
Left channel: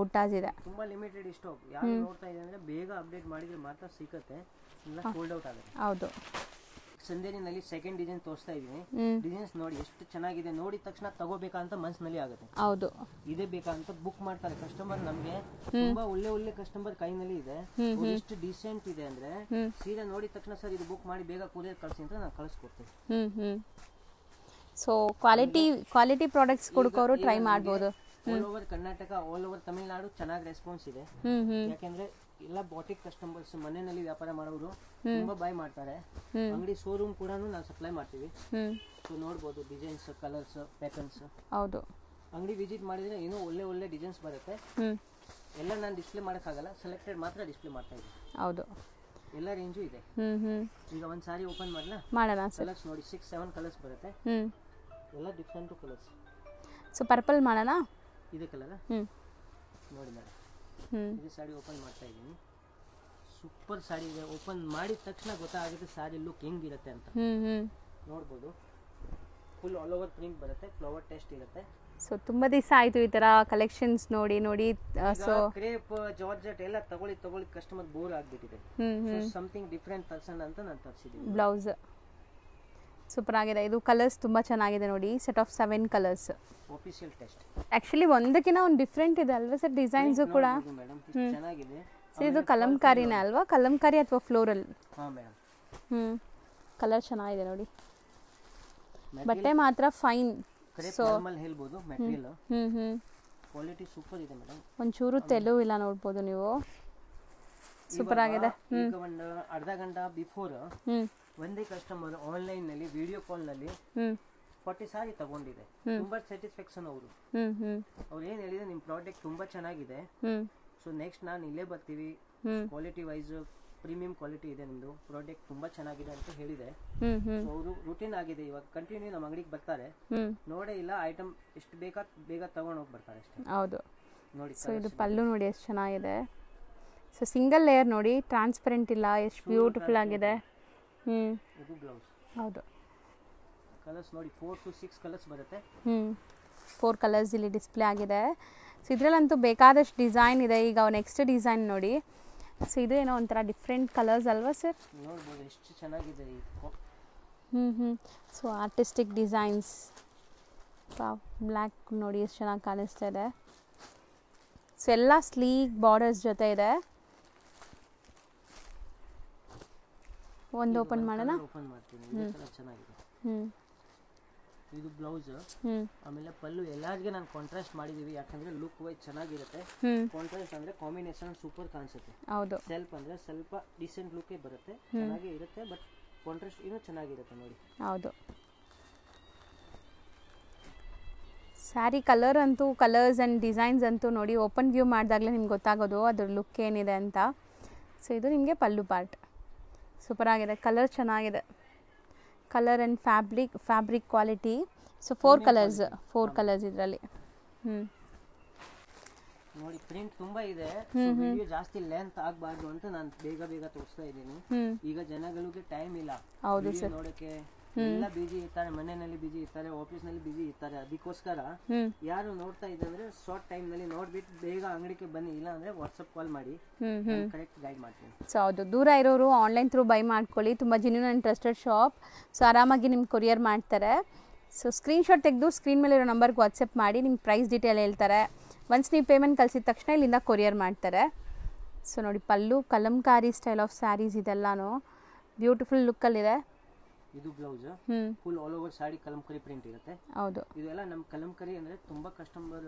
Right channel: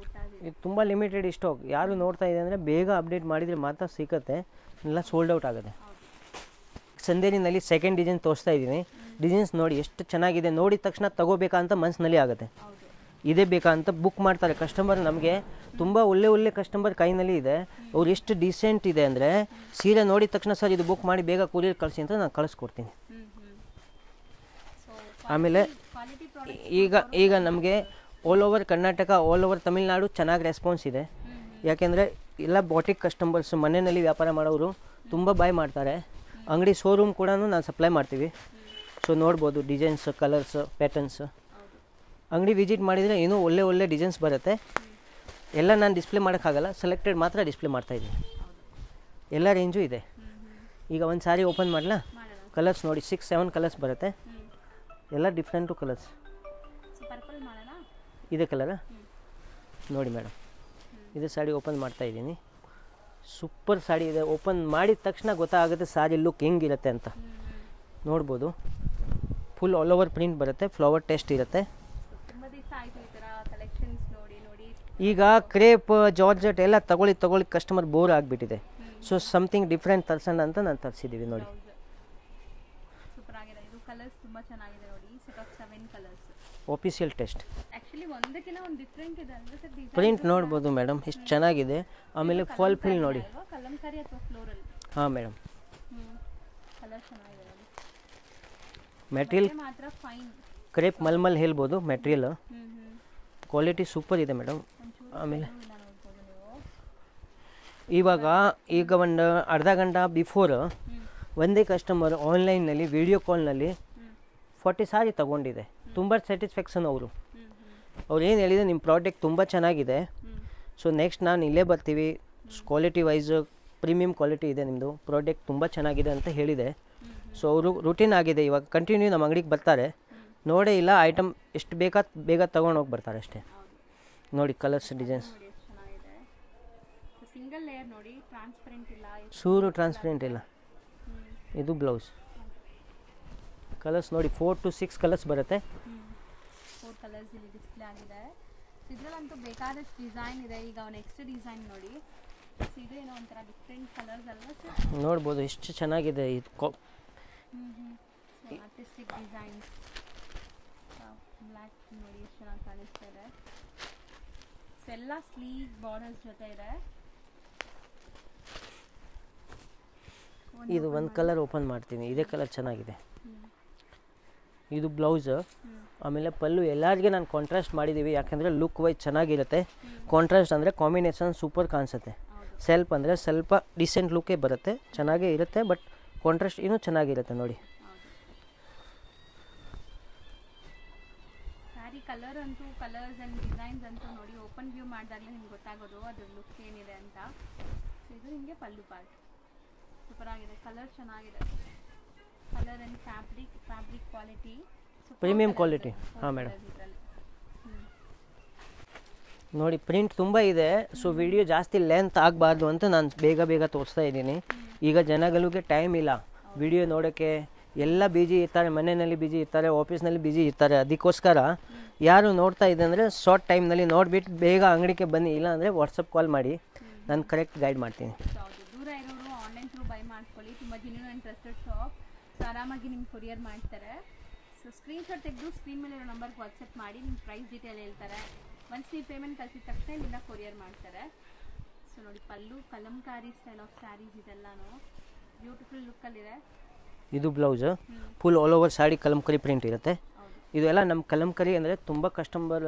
ಬುಟ್ಟಾಸ್ ಇದೆ. ತುಂಬ ಲಿಮಿಟೆಡ್ ಸ್ಟಾಕ್. ಯಾರು ನೋಡ್ತಾ ಇದೆ ಅಂದರೆ ಬೇಗ ಅಪ್ಡೇಟ್ ಮಾಡಿದರೆ ಮಾತ್ರ ಸಿಗುತ್ತೆ, ಇಲ್ಲ ಸೋಲ್ಡ್ ಔಟ್ ಆಗುತ್ತೆ. ಹೌದು, ಚಂದೇರಿನಲ್ಲಿ ಸೆಕೆಂಡ್ ಡಿಸೈನ್ ತೋರಿಸ್ತಾ ಇದ್ದೀನಿ. ಡಿಸೈನ್ಸ್ ನೋಡಿ ಎಷ್ಟು ಚೆನ್ನಾಗಿದೆ. ನೋಡಿದ ತಕ್ಷಣ ತಗೋಬೇಕಾ ಅಂತ ಮನಸ್ಸಿನಲ್ಲಿ ಆಗುತ್ತೆ. ಹೌದು, ಇದೇ ಬೇಕಾ ಅಂತ ಬುಕ್ ಮಾಡ್ತಾರೆ ಕಸ್ಟಮರ್. ನಮಗೆ ತುಂಬಾ ಒಳ್ಳೆ ಕಸ್ಟಮರ್ ಕೈನಲ್ಲಿ ಇದೆ. ಅವ್ರು ಎಷ್ಟು ಡೀಸೆಂಟ್ ಇದೆ ಅಂದ್ರೆ ಸೀರೆ ನೋಡಿದ ತಕ್ಷಣ ಸರ್ ಇದು ಬುಕ್ ಮಾಡಿ ಬೇಗ ಕೊರಿಯರ್ ಕಳಿಸಿ ಅಂತ ನಾನು ಕಳಿಸ್ಕೊಡ್ತೀನಿ. ಸೊ ಕ್ವಾಲಿಟಿ ಪ್ರಾಡಕ್ಟ್ಸ್ ಈಗ ನಮಗೆ all over Karnataka, all over Tamil Nadu ಚೆನ್ನಾಗಿ ರೆಸ್ಪಾನ್ಸ್ ಇದೆ. ಯಾಕೆಂದ್ರೆ ಎಲ್ಲ ಬಾಟಿಕ್ ಕಸ್ಟಮರ್ಸ್ ಮನೆಯಲ್ಲಿ ವ್ಯಾಪಾರ ಮಾಡೋರು ತುಂಬಾ ಬಾಯ್ ಮಾಡ್ತಾರೆ. ಅಂಗಡಿ ಶೋರೂಮ್ ಕೂಡ ನಾವು ಸಪ್ಲೈ ಮಾಡ್ತೀವಿ. ಸೊ ನೋಡ್ಬೋದು ಡಿಸೈನ್ಸ್, ಕಲರ್ಸ್, ಪ್ಯಾಟರ್ನ್ಸ್. ಹೌದು, ಅಂಗಡಿ ವಿಸಿಟ್ ಮಾಡಿದ್ರೆ ಏನೋ ಒಳ್ಳೆ ಡಿಸೈನ್ಸ್ ಬರುತ್ತೆ. ಎಲ್ಲ ನಾನು ಡಿಸ್ಪ್ಲೇ ಮಾಡೋಕ್ಕಾಗಲ್ಲ, ಸೆಲೆಕ್ಟೆಡ್ ಮಾತ್ರ ಡಿಸ್ಪ್ಲೇ ಮಾಡ್ತಾ ಇದ್ದೀನಿ. ಹೌದು, ಎಲ್ಲ ರೇಂಜು ಇದೆ. ಈಗ ಒಂದು ಸಾರಿ ಓಪನ್ ಮಾಡಲಾ? ಕಲರ್ಸ್ ನೋಡಿ 6-7 ಕಲರ್ಸ್ ಬರುತ್ತೆ, ಎಲ್ಲ ಡಿಫ್ರೆಂಟು ಕಲರ್ಸ್. ಸೊ ಪರ್ಪಲ್ ಮಾಡೋಣ? ಇದೆ ಕಲರ್ ನೋಡಿ ಮೇಡಮ್. ಇದೇ ಸಾಡಿ ಓಪನ್ ಮಾಡ್ತಾ ಇದ್ದೀನಿ. ಸೂಪರ್ ಸಾಡಿ ಇದೆ. ಓಪನ್ ಮಾಡಿದ ತಕ್ಷಣ ಗೊತ್ತಾಗುತ್ತೆ ಸಾರಿ ಲುಕ್ ಹೆಂಗಿರುತ್ತೆ ಅಂತ. ನೋಡ್ಬೋದು ಫುಲ್ ಆಲ್ ಓವರ್ ಪ್ರಿಂಟ್ ಬರುತ್ತೆ, ಫ್ಲವರ್ ಟೆಸ್ಟ್ ಇರುತ್ತೆ. ಸೊ ತುಂಬ ದಿವಸ ಆಯಿತು ಈ ಥರ ಕಲೆಕ್ಷನ್ಸ್ ನೋಡಿ ಈಗ ಕ್ರೇಪ್ ಜಾರ್ಜೆಟ್ ಎಲ್ಲ ತಗೊಳ್ಳಿ ಕಸ್ಟಮರ್ ಬೋರ್ ಆಗಿಬಿಟ್ಟಿದೆ. ಸೊ ಸಮಥಿಂಗ್ ಡಿಫ್ರೆಂಟ್ ತರ್ಸೋಣ ಅಂತ ನಾನು ತರಿಸಿದ್ದೀವಿ. ಬ್ಲೌಸ್ ಸೂಪರ್ ಆಗಿದೆ. ಇದು ಕಲರ್ಸ್ ತುಂಬ ಚೆನ್ನಾಗಿದೆ ನೋಡಿ. Set of 7 colours. Official test. Actually ಒಂದಕ್ಕಿಂತ ಒಂದು ಡಿಫ್ರೆಂಟ್ ಇದೆ ಅಲ್ವಾ ಸರ್? ಡಿಸೈನ್ಸ್ ಕೂಡ ನೋಡಬಹುದು ಮೇಡಮ್, ಎಷ್ಟು ಚೆನ್ನಾಗಿದೆ. ಆಮೇಲೆ ಕಲಂಕಾರಿನ ಅಲ್ವಾ? ಕಲಂಕಾರಿ ಅಥವಾ ಫ್ಲೋರಲ್? ಹಾ ಮೇಡಮ್. ಕಲರ್ ಚೆನ್ನಾಗಿದೆ ನೋಡಿ. ಮೆಟೀರಿಯಲ್ ಮಾತ್ರ ಫೈನ್ ಕ್ರೇಪ್ ಮಲ್ಮಲ್ ಹೇಳ್ಬೋದು. ಮೆಟೀರಿಯಲ್ ಕ್ವಾಲಿಟಿ ಸೂಪರ್ ಇದೆ ಮೇಡಮ್. ಒಂಚೂರು ತೆಲು ಇಲ್ಲ ನೋಡ್ಬೋದು ನೀವು. ಈಗ ಒಂದು ಅರ್ಧ ಗಂಟೆ ಬಿಫೋರ್ ಒಂದೇ ಕಸ್ಟಮರ್ ಆನ್ಲೈನ್ ನಲ್ಲಿ ವಿಡಿಯೋ ಕಾಲ್ ನಲ್ಲಿ 40 ಸಾರಿ ತಗೊಂಡಿದೆ. ತುಂಬಾ ಸ್ಯಾಟಿಸ್ಫ್ಯಾಕ್ಷನ್ ಅವರು ಏನು ಹೇಳಿದ್ರೆ ನಿಮ್ಮ ಪ್ರಾಡಕ್ಟ್ ತುಂಬಾ ಚೆನ್ನಾಗಿದೆ, ಸೊ ನೆಕ್ಸ್ಟ್ ನಾನು ಇಲ್ಲೇ ಬರ್ತೀವಿ, ಕ್ವಾಲಿಟಿ ವೈಸ್ ಪ್ರೀಮಿಯಂ ಕ್ವಾಲಿಟಿ ಇದೆ ನಿಮ್ಮದು ಪ್ರಾಡಕ್ಟ್ ತುಂಬ ಚೆನ್ನಾಗಿದೆ ಅಂತ ಹೇಳಿದೆ. ಸೊ ಅವರು ರೂಟೀನ್ ಆಗಿದೆ, ಇವಾಗ ಕಂಟಿನ್ಯೂ ನಮ್ಮ ಅಂಗಡಿಗೆ ಬರ್ತಾರೆ, ನೋಡೇ ಇಲ್ಲ ಐಟಮ್ ಎಷ್ಟು ಬೇಗ ತಗೊಂಡು ಹೋಗಿ ಬರ್ತಾರೆ ಅಷ್ಟೇ. ಹೌದು ನೋಡಿ ಕಲರ್ಸ್ ಡಿಸೈನ್ಸ್ ನೋಡಿ ಎಷ್ಟು ಚೆನ್ನಾಗಿದೆ. ಸೊ ಸಿಂಗಲ್ ಲೇಯರ್ ನೋಡಿ, ಟ್ರಾನ್ಸ್ಪರೆಂಟ್ ಇಲ್ಲ, ಎಷ್ಟು ಬ್ಯೂಟಿಫುಲ್ ಆಗಿದೆ. ಇದು ಬ್ಲೌಸ್. ಹೌದು ಕಲರ್ಸ್ ನೋಡಿ 4 to 6 ಕಲರ್ಸ್ ಬರುತ್ತೆ. 4 ಕಲರ್ಸ್ ಇಲ್ಲಿ ಡಿಸ್ಪ್ಲೇ ಆಗಿದೆ. ಸೊ ಇದರಲ್ಲಂತೂ ಬೇಕಾದಷ್ಟು ಡಿಸೈನ್ ಇದೆ. ಈಗ ನೆಕ್ಸ್ಟ್ ಡಿಸೈನ್ ನೋಡಿ. ಸೊ ಇದು ಏನೋ ಒಂಥರ ಡಿಫ್ರೆಂಟ್ ಕಲರ್ಸ್ ಅಲ್ವಾ ಸರ್? ನೋಡ್ಬೋದು ಎಷ್ಟು ಚೆನ್ನಾಗಿದೆ ಇದು. So artistic designs. ಬ್ಲ್ಯಾಕ್ ನೋಡಿ ಎಷ್ಟು ಚೆನ್ನಾಗಿ ಕಾಣಿಸ್ತಾ ಇದೆ. ಸೊ ಎಲ್ಲ ಸ್ಲೀಕ್ ಬಾರ್ಡರ್ಸ್ ಜೊತೆ ಇದೆ. ಒಂದು ಕಲರ್ ಓಪನ್ ಮಾಡ್ತೀನಿ, ಇದೇ ಕಲರ್ ಚೆನ್ನಾಗಿದೆ. ಇದು ಬ್ಲೌಸ್, ಆಮೇಲೆ ಪಲ್ಲು ಎಲ್ಲರಿಗೆ ನಾನು ಕಾಂಟ್ರಾಸ್ಟ್ ಮಾಡಿದೀವಿ, ಯಾಕಂದ್ರೆ ಲುಕ್ ವೈಸ್ ಚೆನ್ನಾಗಿರುತ್ತೆ. ಕಾಂಟ್ರಾಸ್ಟ್ ಅಂದ್ರೆ ಕಾಂಬಿನೇಷನ್ ಸೂಪರ್ ಕಾಣಿಸುತ್ತೆ. ಸೆಲ್ಫ್ ಅಂದ್ರೆ ಸ್ವಲ್ಪ ಡಿಸೆಂಟ್ ಲುಕ್ಕೇ ಬರುತ್ತೆ, ಚೆನ್ನಾಗೇ ಇರುತ್ತೆ, ಬಟ್ ಕಾಂಟ್ರಾಸ್ಟ್ ಇನ್ನೂ ಚೆನ್ನಾಗಿರುತ್ತೆ ನೋಡಿ. ಹೌದು ಸ್ಯಾರಿ ಕಲರ್ ಅಂತೂ, ಕಲರ್ಸ್ ಆ್ಯಂಡ್ ಡಿಸೈನ್ಸ್ ಅಂತೂ ನೋಡಿ ಓಪನ್ ವ್ಯೂ ಮಾಡಿದಾಗಲೇ ನಿಮ್ಗೆ ಗೊತ್ತಾಗೋದು ಅದ್ರ ಲುಕ್ ಏನಿದೆ ಅಂತ. ಸೊ ಇದು ನಿಮಗೆ ಪಲ್ಲು ಪಾರ್ಟ್. ಸೂಪರ್ ಆಗಿದೆ, ಕಲರ್ ಚೆನ್ನಾಗಿದೆ. Colour and fabric quality. So 4 colours ಇದರಲ್ಲಿ. ನೋಡಿ ಪ್ರಿಂಟ್ ತುಂಬಾ ಇದೆ. ಸೊ ವಿಡಿಯೋ ಜಾಸ್ತಿ ಲೆಂತ್ ಆಗಬಾರ್ದು ಅಂತ ನಾನು ಬೇಗ ತೋರಿಸ್ತಾ ಇದ್ದೀನಿ. ಈಗ ಜನಗಳಿಗೆ ಟೈಮ್ ಇಲ್ಲ ವಿಡಿಯೋ ನೋಡೋಕ್ಕೆ, ಎಲ್ಲ ಬಿಜಿ ಇರ್ತಾರೆ, ಮನೆಯಲ್ಲಿ ಬಿಜಿ ಇರ್ತಾರೆ, ಆಫೀಸ್ನಲ್ಲಿ ಬಿಜಿ ಇರ್ತಾರೆ. ಅದಕ್ಕೋಸ್ಕರ ಯಾರು ನೋಡ್ತಾ ಇದೆ ಅಂದರೆ ಶಾರ್ಟ್ ಟೈಮ್ನಲ್ಲಿ ನೋಡ್ಬಿಟ್ಟು ಬೇಗ ಅಂಗಡಿಗೆ ಬನ್ನಿ, ಇಲ್ಲ ಅಂದರೆ ವಾಟ್ಸಪ್ ಕಾಲ್ ಮಾಡಿ, ನಾನು ಕರೆಕ್ಟ್ ಗೈಡ್ ಮಾಡ್ತೀನಿ. ಸೊ ಹೌದು, ದೂರ ಇರೋರು ಆನ್ಲೈನ್ ಥ್ರೂ ಬೈ ಮಾಡ್ಕೊಳ್ಳಿ, ತುಂಬ genuine and trusted shop. So ಆರಾಮಾಗಿ ನಿಮ್ಗೆ ಕೊರಿಯರ್ ಮಾಡ್ತಾರೆ. ಸೊ ಸ್ಕ್ರೀನ್ಶಾಟ್ ತೆಗೆದು ಸ್ಕ್ರೀನ್ ಮೇಲೆ ಇರೋ ನಂಬರ್ಗೆ ವಾಟ್ಸಪ್ ಮಾಡಿ ನಿಮ್ಗೆ ಪ್ರೈಸ್ ಡೀಟೇಲ್ ಹೇಳ್ತಾರೆ. ಒನ್ಸ್ ನೀವು ಪೇಮೆಂಟ್ ಕಳಿಸಿದ ತಕ್ಷಣ ಇಲ್ಲಿಂದ ಕೊರಿಯರ್ ಮಾಡ್ತಾರೆ. ಸೊ ನೋಡಿ ಪಲ್ಲು ಕಲಂಕಾರಿ ಸ್ಟೈಲ್ ಆಫ್ ಸ್ಯಾರೀಸ್ ಇದೆಲ್ಲಾನು ಬ್ಯೂಟಿಫುಲ್ ಲುಕ್ಕಲ್ಲಿದೆ. ಇದು ಬ್ಲೌಸ್ ಫುಲ್ ಆಲ್ ಓವರ್ ಸಾಡಿ ಕಲಂಕರಿ ಪ್ರಿಂಟ್ ಇರುತ್ತೆ. ಹೌದು, ಇದೆಲ್ಲ ನಮ್ಮ ಕಲಂಕರಿ ಅಂದ್ರೆ ತುಂಬಾ ಕಸ್ಟಮರ್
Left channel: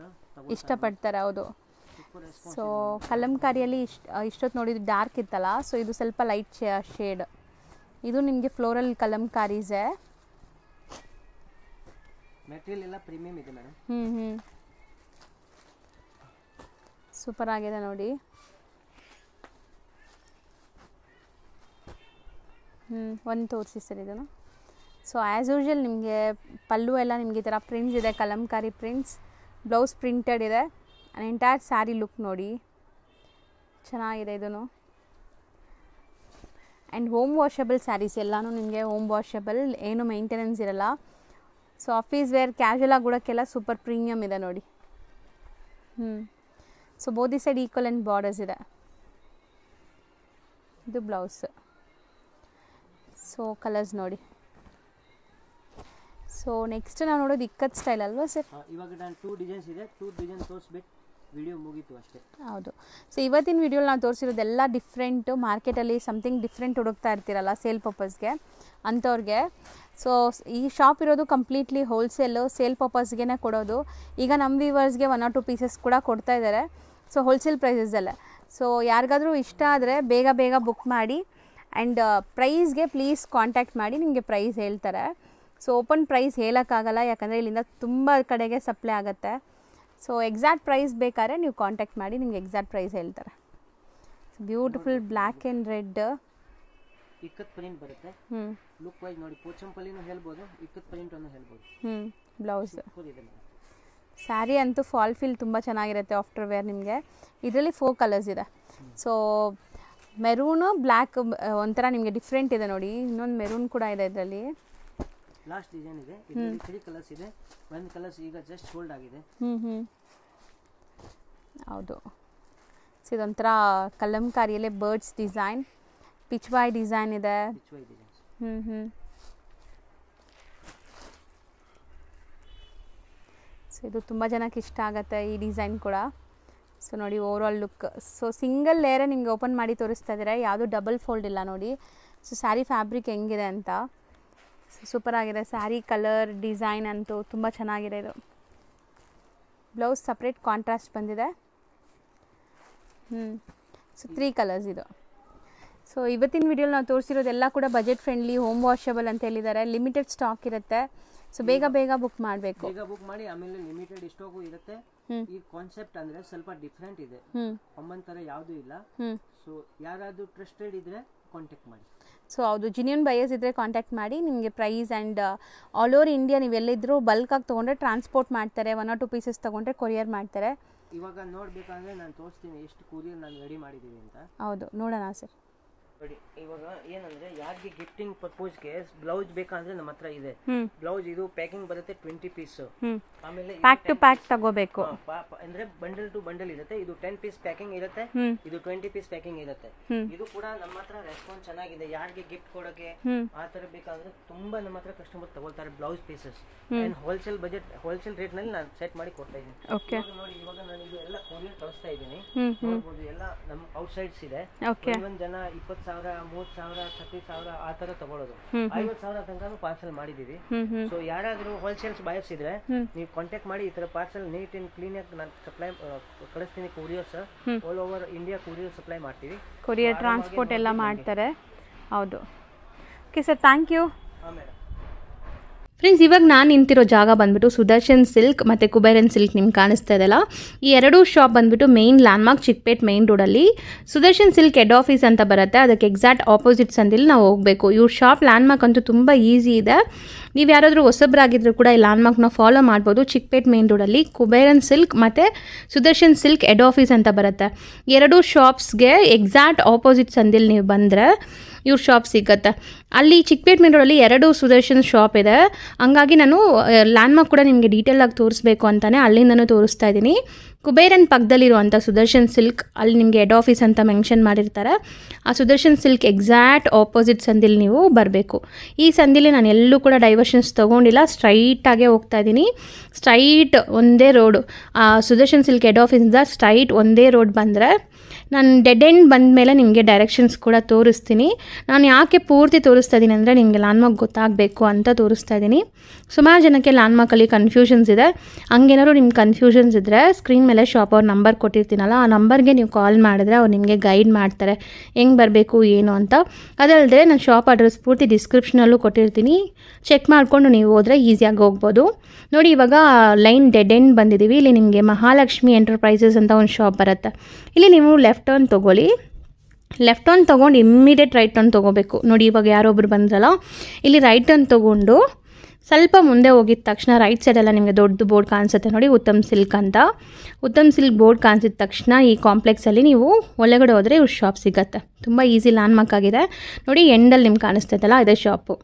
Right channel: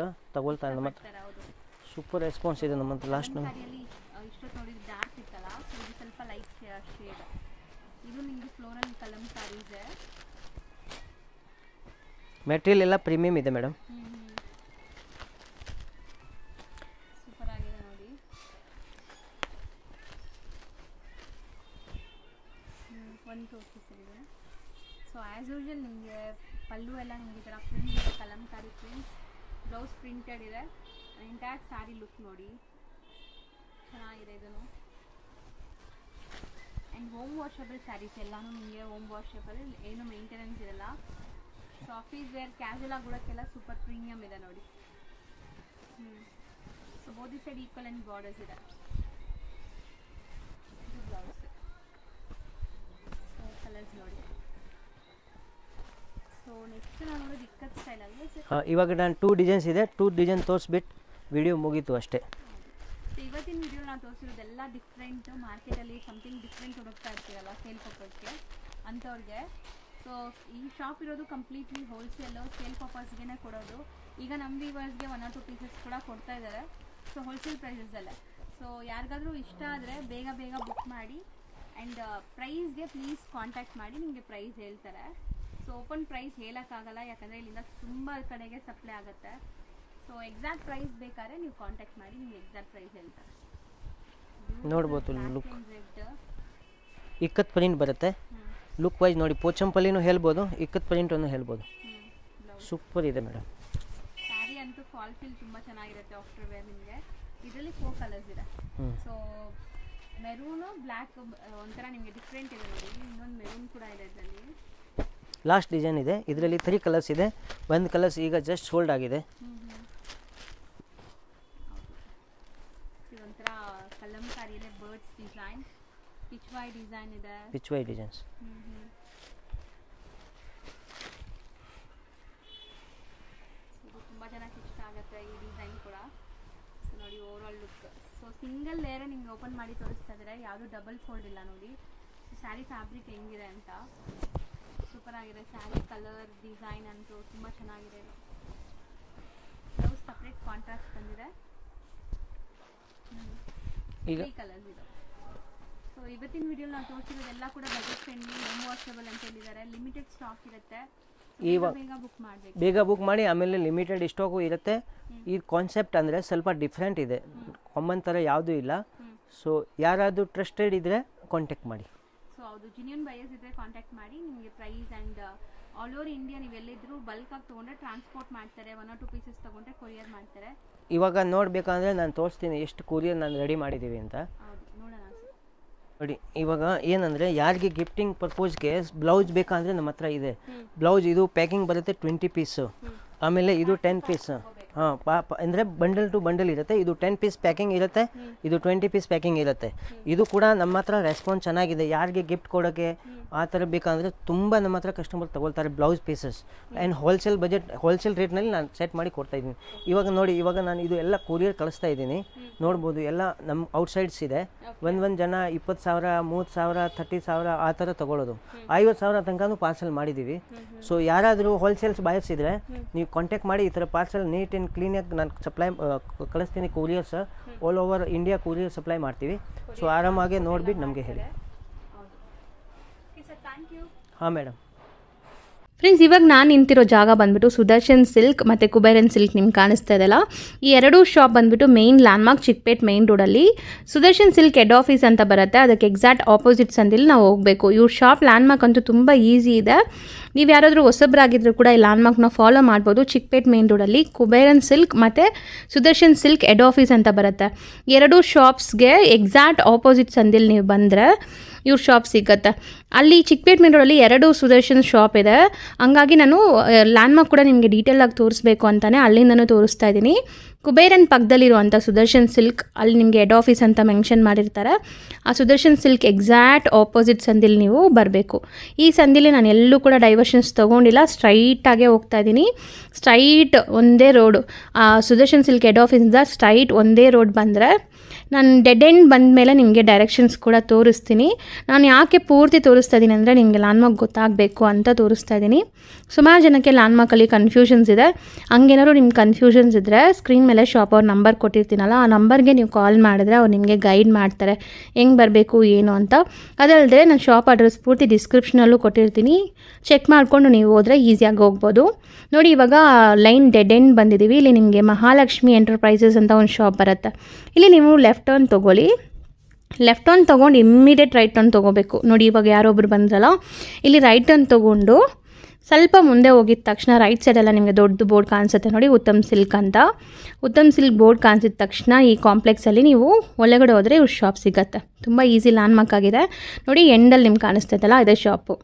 ಇಷ್ಟಪಡ್ತಾರೆ. ಹೌದು, ಸೂಪರ್ ರೆಸ್ಪಾನ್ಸ್ ಇದೆ ನಮ್ಮ ಕಲಂಕಾರಿಯಲ್ಲಿ. ಇಷ್ಟೊತ್ತು ನೋಡಿದ್ದು ಡಾರ್ಕ್ ಇತ್ತಲ್ಲ, ಸೊ ಇದು ಸ್ವಲ್ಪ ಲೈಟ್ ಶೇಡ್. ಇದು ನಿಮಗೆ ಫ್ಲೋರಲ್ ಕಲಂಕಾರೀಸೆ. ಮೆಟೀರಿಯಲ್ ಎಲ್ಲ ಪ್ರೀಮಿಯಂ ಇದೆ ಮೇಡಮ್. ಸೂಪರ್ ಆಗಿದೆ ನೋಡಿ. ಒಂದು ತೋರಿಸಿ ಸರ್ ಇದನ್ನು. ಸೊ ಆ್ಯಸ್ ಯೂಶುವಲ್ ನಿಮಗೆ ಪಲ್ಲು ಎಲ್ಲ ನಿಮಗೆ ಈ ಥರ ಪ್ರಿಂಟ್ಸ್ ಇದೆ, ಕಲಂಕಾರಿ ಪ್ರಿಂಟ್ಸ್. ಬ್ಲೌಸ್ ಪ್ರಿಂಟೆಡ್ ಇದೆ. ಎಂಟೈರ್ ಸ್ಯಾರಿ ಲುಕ್ ನೋಡಿ ಚೆನ್ನಾಗಿದೆ ಇದೂ. ಆ್ಯಂಡ್ ಹೋಮ್ ವಾಷಬಲ್ ಸ್ಯಾರೀಸ್ ಎಲ್ಲನೂ ನಿಮಗೆ ಹೋಮ್ ವಾಷಬಲ್, ಏನು ಮೇಂಟೆನೆನ್ಸ್ ಇರಲ್ಲ. ಸೊ ಆಫೀಸ್ ವೇರ್ ಕ್ಯಾಶುವಲ್ ಆಗಿ ಉಡೋಕ್ಕೆಲ್ಲ ಸೂಪರ್ ಪ್ರೀಮಿಯಮ್ ಇದೆ ನೋಡಿ. So ಬೋದಿ side equal and borders ಇದೆ. ಇದು ಬ್ಲೌಸ್. ಸೊ ಕಲರ್ಸ್ ನೋಡಿ. ಸೊ ನೆಕ್ಸ್ಟ್ ನಾವು ನೋಡೋದು ಇಕ್ಕತ್ ಸ್ಟೈಲ್ ಅಲ್ವಾ ಸರ್? ಇವಾಗ ನಾನು 2 ಡಿಸೈನ್ಸ್ ಇದೆ, 2 ಡಿಸೈನ್ ತೋರಿಸ್ಬಿಟ್ಟು ವಿಡಿಯೋ ಮುಗೀತು ಅಷ್ಟೇ. ಹೌದು. ಸೊ ಇವತ್ತಿನ ವಿಡಿಯೋಲಿ ನಾವು ತೋರಿಸಿರೋದೆಲ್ಲ ಡಿಫ್ರೆಂಟು. ಮಾರ್ಕೆಟಲ್ಲಿ ಸಮಥಿಂಗ್ ಡಿಫ್ರೆಂಟ್ ಹುಡುಕ್ತಾ ಇರ್ತೀರಲ್ಲ ಸೇಲ್ ಪರ್ಪಸ್ಗೆ ಅಂಥವ್ರಿಗೆ. ಸೊ ಈ ಶಾಪ್ ಇರೋದು ಕಂಪ್ಲೀಟ್ಲಿ ಹೋಲ್ಸೇಲು, ಸೇಲ್ ಪರ್ಪಸ್ಗೆ ಕೊಡೋದು. ಈಗ ನಮ್ಮ ವ್ಯೂವರ್ಸ್ಗೆ 1 or 2 ಪೀಸಸ್ ಕೂಡ ಕೊಡ್ತಾ ಇದ್ದಾರೆ. So wholesale ಪ್ರೈಸಸ್ಸಲ್ಲೇ. ಸೊ ಯಾರಿಗಾದರೂ ಇಷ್ಟ ಆದರೆ ಬೇಗ ಬುಕ್ ಮಾಡಿ. ಆ್ಯಂಡ್ ಪ್ರೈಸ್ಗೆ ಪ್ಲೀಸ್ ಕಾಂಟ್ಯಾಕ್ಟ್ ಮಾಡಿ, ನಿಮಗೆ ಪ್ರೈಸ್ ಹೇಳ್ತಾರೆ. ಸೊ ಓಪನ್ ಪ್ರೈಸ್ ಹೇಳೋಕ್ಕಾಗಲ್ಲ, ಯಾಕಂದರೆ ಇಲ್ಲಿಂದ ತುಂಬ ಕಡೆಗೆ ಸಪ್ಲೈ ಆಗುತ್ತೆ. ಸೊ ಎಕ್ಸಾಕ್ಟ್ ಪ್ರೈಸ್ ಬೇಕಾದ್ರೆ ನೀವು ಕಾಂಟ್ಯಾಕ್ಟ್ ಮಾಡಿ, ನಿಮ್ಗೆ ಎಕ್ಸಾಕ್ಟ್ ಪ್ರೈಸ್ ಹೇಳ್ತಾರೆ. Beautiful black and red ikat print ಬರುತ್ತೆ. ಲುಕ್ ವೈಸ್ ನೋಡಿ, ಪೋಚಂಪಲ್ಲಿನೂ ಹೇಳ್ಬೋದು, ಇಕ್ಕತ್ ಪ್ರಿಂಟ್ ಅನ್ನು ಹೇಳ್ಬೋದು. ಬ್ಲೌಸ್ ಸೂಪರ್ ಇದೆ ಮೇಡಮ್. ಸ್ಯಾರಿ ಅಂತೂ ಫಾಲ್ ಫೀಲ್ ತುಂಬ ಚೆನ್ನಾಗಿರುತ್ತೆ ಆಫ್ಟರ್ ವೇರ್ ನಿಮಗೆ. ಇದರಲ್ಲಿ 4 ಕಲರ್ಸ್ ಇದೆ. ಸೊ ಮೆರೂನು ಬ್ಲ್ಯಾಕ್ ಒಂಥರ ನಿಮಗೆ ಡಿಫ್ರೆಂಟ್ ಇದೆ ನೋಡಿ. ಇನ್ನೊಂದು ಮೆರೂನ್ ಕೂಡ ಇದೆ ಇದರಲ್ಲಿ. ಲಾಸ್ಟ್ ಡಿಸೈನ್ ಇದೆ. ಇದರಲ್ಲಿ 3 ಕಲರ್ಸ್ ಇದೆ. ಒಂದು ಕಲರ್ಸ್ ಈಗ ಜಸ್ಟ್ ಸೋಲ್ಡ್ ಆಗಿದೆ. ಹೌದು, ಇದೊಂಥರ ಕಲಂಕಾರಿಯಲ್ಲೇ ಬರ್ಡ್ಸ್ ಡಿಸೈನ್, ಪಿಚ್ವಾಯ್ ಡಿಸೈನ್ ಇದೆ. ಪಿಚ್ವಾಯ್ ಡಿಸೈನ್ಸ್. ಸೊ ಇದು ತುಂಬ ಜನಕ್ಕೆ ಇಷ್ಟ ಆಗುತ್ತೆ ಈ ಡಿಸೈನ್ ಕೂಡ. ಸೊ ನೋಡಿ over all look. So single ಲೇಯರೇ ನಿಮಗೆ ಓಪನ್ ಮಾಡಿ ತೋರಿಸ್ತಾ ಇದ್ದಾರೆ, ಯಾವುದು ಡಬಲ್ ಫೋಲ್ಡ್ ಇಲ್ಲ ನೋಡಿ. ಸೊ ಸ್ಯಾರಿ ಫ್ಯಾಬ್ರಿಕ್ ಹೆಂಗಿದೆ ಅಂತ ಸೂಪರ್ ಆಗಿದೆ. ಸ್ಯಾರಿ ಕಲರ್ ಡಿಸೈನ್ ಅಂತೂ ತುಂಬ ಚೆನ್ನಾಗಿದೆ. ಇದು ಬ್ಲೌಸ್ ಸಪ್ರೇಟ್ ಕಾಂಟ್ರಾಸ್ಟ್ ಬಂದಿದೆ. ಸೊ 3 ಕಲರ್ಸ್ ಇದು. ಸೊ ಇವತ್ತಿನ ವಿಡಿಯೋಲಿ ನಾವು ತೋರಿಸಿರೋದೆಲ್ಲ ಕೂಡ ಬಜೆಟ್ ಫ್ರೆಂಡ್ಲಿ, ಹೋಮ್ ವಾಷಬಲ್ ಅಂತ ಹೇಳಿದ್ದಾರೆ. ಲಿಮಿಟೆಡ್ ಸ್ಟಾಕ್ ಇರುತ್ತೆ. ಸೊ ಬೇಗ ಬುಕ್ ಮಾಡಬೇಕು. ಬೇಗ ಬುಕ್ ಮಾಡಿ. ಆಮೇಲೆ ಲಿಮಿಟೆಡ್ ಸ್ಟಾಕು ಇರುತ್ತೆ. ಈ ಕಾನ್ಸೆಪ್ಟ್ ಅಂದರೆ ಸ್ವಲ್ಪ ಡಿಫ್ರೆಂಟ್ ಇದೆ, ಕಾಮನ್ ಥರ ಯಾವುದೂ ಇಲ್ಲ. ಸೊ ಯಾರಾದರೂ ಟ್ರಸ್ಟೆಡ್ ಇದ್ದರೆ ಕಾಂಟ್ಯಾಕ್ಟ್ ಮಾಡಿ. ಸೊ ಹೌದು, ಜಿನ್ಯೂನ್ ಬಯರ್ಸ್ ಇದ್ದರೆ ಕಾಂಟ್ಯಾಕ್ಟ್ ಮಾಡಿ. ನಿಮಗೆ price and all over India ನೀವೆಲ್ಲಿದ್ದರೂ ಬಲ್ಕಾಗಿ ತೊಗೊಂಡ್ರೆ ಟ್ರಾನ್ಸ್ಪೋರ್ಟ್ ಮಾಡ್ತಾರೆ. 1 or 2 ಪೀಸಸ್ ತೊಗೊಂಡ್ರೆ ಕೊರಿಯರ್ ಮಾಡ್ತಾರೆ. ಇವಾಗ ನೋಡಬೇಕಂದ್ರೆ ನಾನು ತೋರಿಸ್ತೀನಿ ಎಷ್ಟು ಕೊರಿಯರ್ ನಾನು ರೆಡಿ ಮಾಡಿದ್ದೀವಿ ಅಂತ. ಹೌದು, ನೋಡೋಣ ಸರ್. ನೋಡಿ ಇವಾಗ ಏನಂದ್ರೆ ಯಾರಿಗೆ ಗಿಫ್ಟಿಂಗ್ ಪರ್ಪೋಸ್ಗೆ ಬ್ಲೌಸ್ ಬೇಕಂದ್ರೆ ನಮ್ಮ ಹತ್ರ ಇದೆ. ಬ್ಲೌಸ್ ಇದು ಪ್ಯಾಕಿಂಗ್ ಬರುತ್ತೆ 20 ಪೀಸ್. ಆಮೇಲೆ ಇದು 10 ಪೀಸ್ ಅಂದ್ರೆ ಬಂಡಲ್ ಟು ಬಂಡಲ್ ಇರುತ್ತೆ. ಇದು 10 ಪೀಸ್ ಪ್ಯಾಕಿಂಗ್ ಇರುತ್ತೆ, ಇದು 20 ಪೀಸ್ ಪ್ಯಾಕಿಂಗ್ ಇರುತ್ತೆ. ಇದು ಕೂಡ ನಮ್ಮ ಹತ್ರ ರೆಸ್ಪಾನ್ಸ್ ಚೆನ್ನಾಗಿದೆ. ಯಾರಿಗೆ ಗಿಫ್ಟ್ ಕೊಡೋಕೆ ಆ ತರ ಬೇಕಂದ್ರೆ ತುಂಬಾ ನಮ್ಮ ಹತ್ರ ಕಸ್ಟಮರ್ ತಗೊಳ್ತಾರೆ blouse pieces. And wholesale rate ನಲ್ಲಿ ನಾನು ಸೆಟ್ ಮಾಡಿ ಕೊಡ್ತಾ ಇದ್ದೀನಿ. ಇವಾಗ ನೋಡಿ, ಇವಾಗ ನಾನು ಇದು ಎಲ್ಲ ಕೊರಿಯರ್ ಕಳಿಸ್ತಾ ಇದ್ದೀನಿ. ನೋಡ್ಬೋದು ಎಲ್ಲ ನಮ್ಮ ಔಟ್ ಸೈಡ್ಸ್ ಇದೆ. ಒಂದ್ ಜನ 20,000 30,000 30,000 ಆ ತರ ತಗೊಳ್ಳೋದು. 50,000 ತನಕ ಪಾರ್ಸಲ್ ಮಾಡಿದೀವಿ. ಸೊ ಯಾರಾದ್ರೂ ಹೋಲ್ಸೇಲ್ಸ್ ಬಯಸ್ ಇದ್ರೆ ನೀವು ಕಾಂಟ್ಯಾಕ್ಟ್ ಮಾಡಿ. ಈ ತರ ಪಾರ್ಸಲ್ ನೀಟ್ ಅಂಡ್ ಕ್ಲೀನ್ ಆಗಿ ನಾನು ಸಪ್ಲೈ ಕಳಿಸ್ತೀನಿ. Courier sir all over India courier supply ಮಾಡ್ತೀವಿ. ಆರಾಮಾಗಿ ಎಲ್ಲ ಮಾಡ್ತಾರೆ. ಹೌದು, ಓಕೆ ಸರ್, ಥ್ಯಾಂಕ್ ಯು. ಹಾಂ ಮೇಡಮ್. ಫ್ರೆಂಡ್ಸ್, ಇವಾಗ ನಾನು ನಿಂತಿರೋ ಜಾಗ ಬಂದ್ಬಿಟ್ಟು ಸುದರ್ಶನ್ ಸಿಲ್ಕ್ ಮತ್ತು ಕುಬೇರನ್ ಸಿಲ್ಕ್ ನಿಮ್ಗೆ ಕಾಣಿಸ್ತಾ ಇದೆಯಲ್ಲ, ಈ ಎರಡೂ ಶಾಪ್ ಬಂದ್ಬಿಟ್ಟು ಮೇನ್ ಲ್ಯಾಂಡ್ಮಾರ್ಕ್ ಚಿಕ್ಕಪೇಟ್ ಮೇನ್ ರೋಡಲ್ಲಿ. ಸುದರ್ಶನ್ ಸಿಲ್ಕ್ ಹೆಡ್ ಆಫೀಸ್ ಅಂತ ಬರುತ್ತೆ, ಅದಕ್ಕೆ ಎಕ್ಸಾಕ್ಟ್ ಆಪೋಸಿಟ್ ಸಂದಿಲ್ಲಿ ನಾವು ಹೋಗಬೇಕು. ಇವ್ರ ಶಾಪ್ ಲ್ಯಾಂಡ್ಮಾರ್ಕ್ ಅಂತೂ ತುಂಬ ಈಸಿ ಇದೆ. ನೀವು ಯಾರಾದರೂ ಹೊಸಬ್ರಾಗಿದ್ದರೂ ಕೂಡ ಈ ಲ್ಯಾಂಡ್ಮಾರ್ಕ್ನ ಫಾಲೋ ಮಾಡ್ಬೋದು. ಚಿಕ್ಕಪೇಟ್ ಮೇನ್ ರೋಡಲ್ಲಿ ಕುಬೇರನ್ ಸಿಲ್ಕ್ ಮತ್ತು ಸುದರ್ಶನ್ ಸಿಲ್ಕ್ ಹೆಡ್ ಆಫೀಸ್ ಅಂತ ಬರುತ್ತೆ. ಎರಡೂ ಶಾಪ್ಸ್ಗೆ ಎಕ್ಸಾಕ್ಟ್ ಆಪೋಸಿಟ್ ಸಂದಿಲ್ಲಿ ನೀವು ಬಂದರೆ ಇವ್ರ ಶಾಪ್ ಸಿಗುತ್ತೆ. ಅಲ್ಲಿ ಚಿಕ್ಕಪೇಟ್ ಮೇನ್ ರೋಡಲ್ಲಿ 2 ಸುದರ್ಶನ್ ಶಾಪ್ ಇದೆ. ಹಂಗಾಗಿ ನಾನು ಲ್ಯಾಂಡ್ಮಾರ್ಕ್ ಕೂಡ ನಿಮಗೆ ಡೀಟೇಲಾಗಿ ತೋರಿಸ್ಬೇಕು ಅಂತಲೇ ಅಲ್ಲಿಂದನೂ ತೋರಿಸ್ತಾ ಇದ್ದೀನಿ. ಕುಬೇರನ್ ಪಕ್ಕದಲ್ಲಿರುವಂಥ ಸುದರ್ಶನ್ ಸಿಲ್ಕ್ ಅಲ್ಲಿ ನಿಮಗೆ ಹೆಡ್ ಆಫೀಸ್ ಅಂತ ಮೆನ್ಷನ್ ಮಾಡಿರ್ತಾರೆ. ಆ ಸುದರ್ಶನ್ ಸಿಲ್ಕ್ ಎಕ್ಸಾಕ್ಟ್ ಆಪೋಸಿಟ್ ಸಂದಿಲಿ ನೀವು ಬರಬೇಕು. ಈ ಸಂದಿಲಿ ನಾನು ಎಲ್ಲೂ ಕೂಡ ಡೈವರ್ಷನ್ಸ್ ತೊಗೊಂಡಿಲ್ಲ, ಸ್ಟ್ರೈಟಾಗೇ ಹೋಗ್ತಾ ಇದ್ದೀನಿ. ಸ್ಟ್ರೈಟ್ ಒಂದೇ ರೋಡು, ಆ ಸುದರ್ಶನ್ ಸಿಲ್ಕ್ ಹೆಡ್ ಆಫೀಸಿಂದ ಸ್ಟ್ರೈಟ್ ಒಂದೇ ರೋಡ್ ಬಂದರೆ ನಾನು ಡೆಡ್ ಎಂಡ್ ಬಂದ ಮೇಲೆ ನಿಮಗೆ ಡೈರೆಕ್ಷನ್ಸ್ ಕೂಡ ತೋರಿಸ್ತೀನಿ. ನಾನು ಯಾಕೆ ಪೂರ್ತಿ ತೋರಿಸ್ತಾ ಇದ್ದೀನಿ ಅಂದರೆ ನಿಮಗೆ ಲ್ಯಾಂಡ್ಮಾರ್ಕ್ ಗೊತ್ತಾಗಬೇಕು ಅಂತ ತೋರಿಸ್ತಾ ಇದ್ದೀನಿ. ಸುಮಾರು ಜನಕ್ಕೆ ಲ್ಯಾಂಡ್ಮಾರ್ಕಲ್ಲಿ ಕನ್ಫ್ಯೂಷನ್ಸ್ ಇದೆ. ಹಂಗೇನಾದ್ರು ನಿಮ್ಗೆ ಕನ್ಫ್ಯೂಷನ್ಸ್ ಇದ್ದರೆ ಸ್ಕ್ರೀನ್ ಮೇಲೆ ಶಾಪ್ ಅವ್ರ ನಂಬರ್ ಕೊಟ್ಟಿರ್ತೀನಲ್ಲ, ಆ ನಂಬರ್ಗೆ ನೀವು ಕಾಲ್ ಮಾಡಿದ್ರೆ ಅವ್ರು ನಿಮಗೆ ಗೈಡ್ ಮಾಡ್ತಾರೆ ಹೆಂಗೆ ಬರಬೇಕು ಏನು ಅಂತ. ಅದಲ್ಲದೆ ನಾನು ಶಾಪ್ ಅಡ್ರೆಸ್ ಪೂರ್ತಿ ಡಿಸ್ಕ್ರಿಪ್ಷನಲ್ಲೂ ಕೊಟ್ಟಿರ್ತೀನಿ, ಚೆಕ್ ಮಾಡಿಕೊಂಡು ನೀವು ಹೋದರೆ ಈಸಿಯಾಗಿ ಹೋಗ್ಬೋದು. ನೋಡಿ, ಇವಾಗ ಲೈನ್ ಡೆಡ್ ಎಂಡ್ ಬಂದಿದ್ದೀವಿ. ಇಲ್ಲಿ ನಿಮಗೆ ಮಹಾಲಕ್ಷ್ಮಿ ಎಂಟರ್ಪ್ರೈಸಸ್ ಅಂತ ಒಂದು ಶಾಪ್ ಬರುತ್ತೆ. ಇಲ್ಲಿ ನೀವು ಲೆಫ್ಟ್ ಟರ್ನ್ ತೊಗೊಳ್ಳಿ. ಲೆಫ್ಟ್ ಟರ್ನ್ ತೊಗೊಂಡು ಇಮ್ಮಿಡಿಯೇಟ್ ರೈಟ್ ಟರ್ನ್ ತೊಗೋಬೇಕು. ನೋಡಿ, ಇವಾಗ ಯಾರೊಬ್ರು ಬಂದ್ರಲ್ಲ, ಇಲ್ಲಿ ರೈಟ್ ಟರ್ನ್ ತೊಗೊಂಡು ಸ್ವಲ್ಪ ಮುಂದೆ ಹೋಗಿದ ತಕ್ಷಣ ರೈಟ್ ಸೈಡೆಲ್ಲ ನಿಮಗೆ ದೊಡ್ಡ ಬೋರ್ಡ್ ಕಾಣಿಸುತ್ತೆ ನೋಡಿ, ಉತ್ತಮ್ ಸಿಲ್ಕ್ ಅಂತ. ಉತ್ತಮ್ ಸಿಲ್ಕ್ ಬೋರ್ಡ್ ಕಾಣಿಸಿದ ತಕ್ಷಣ ಈ ಕಾಂಪ್ಲೆಕ್ಸಲ್ಲಿ ನೀವು ಒಳಗಡೆ ಹೋದರೆ ಇವ್ರ ಶಾಪ್ ಸಿಗುತ್ತೆ. ತುಂಬ ಈಸಿ ಲ್ಯಾಂಡ್ಮಾರ್ಕ್ ಆಗಿದೆ ನೋಡಿ. ಎಂಡಲ್ಲಿ ನಿಮ್ಗೆ ಕಾಣಿಸ್ತೈತಲ್ಲ, ಇದೇ ಶಾಪು.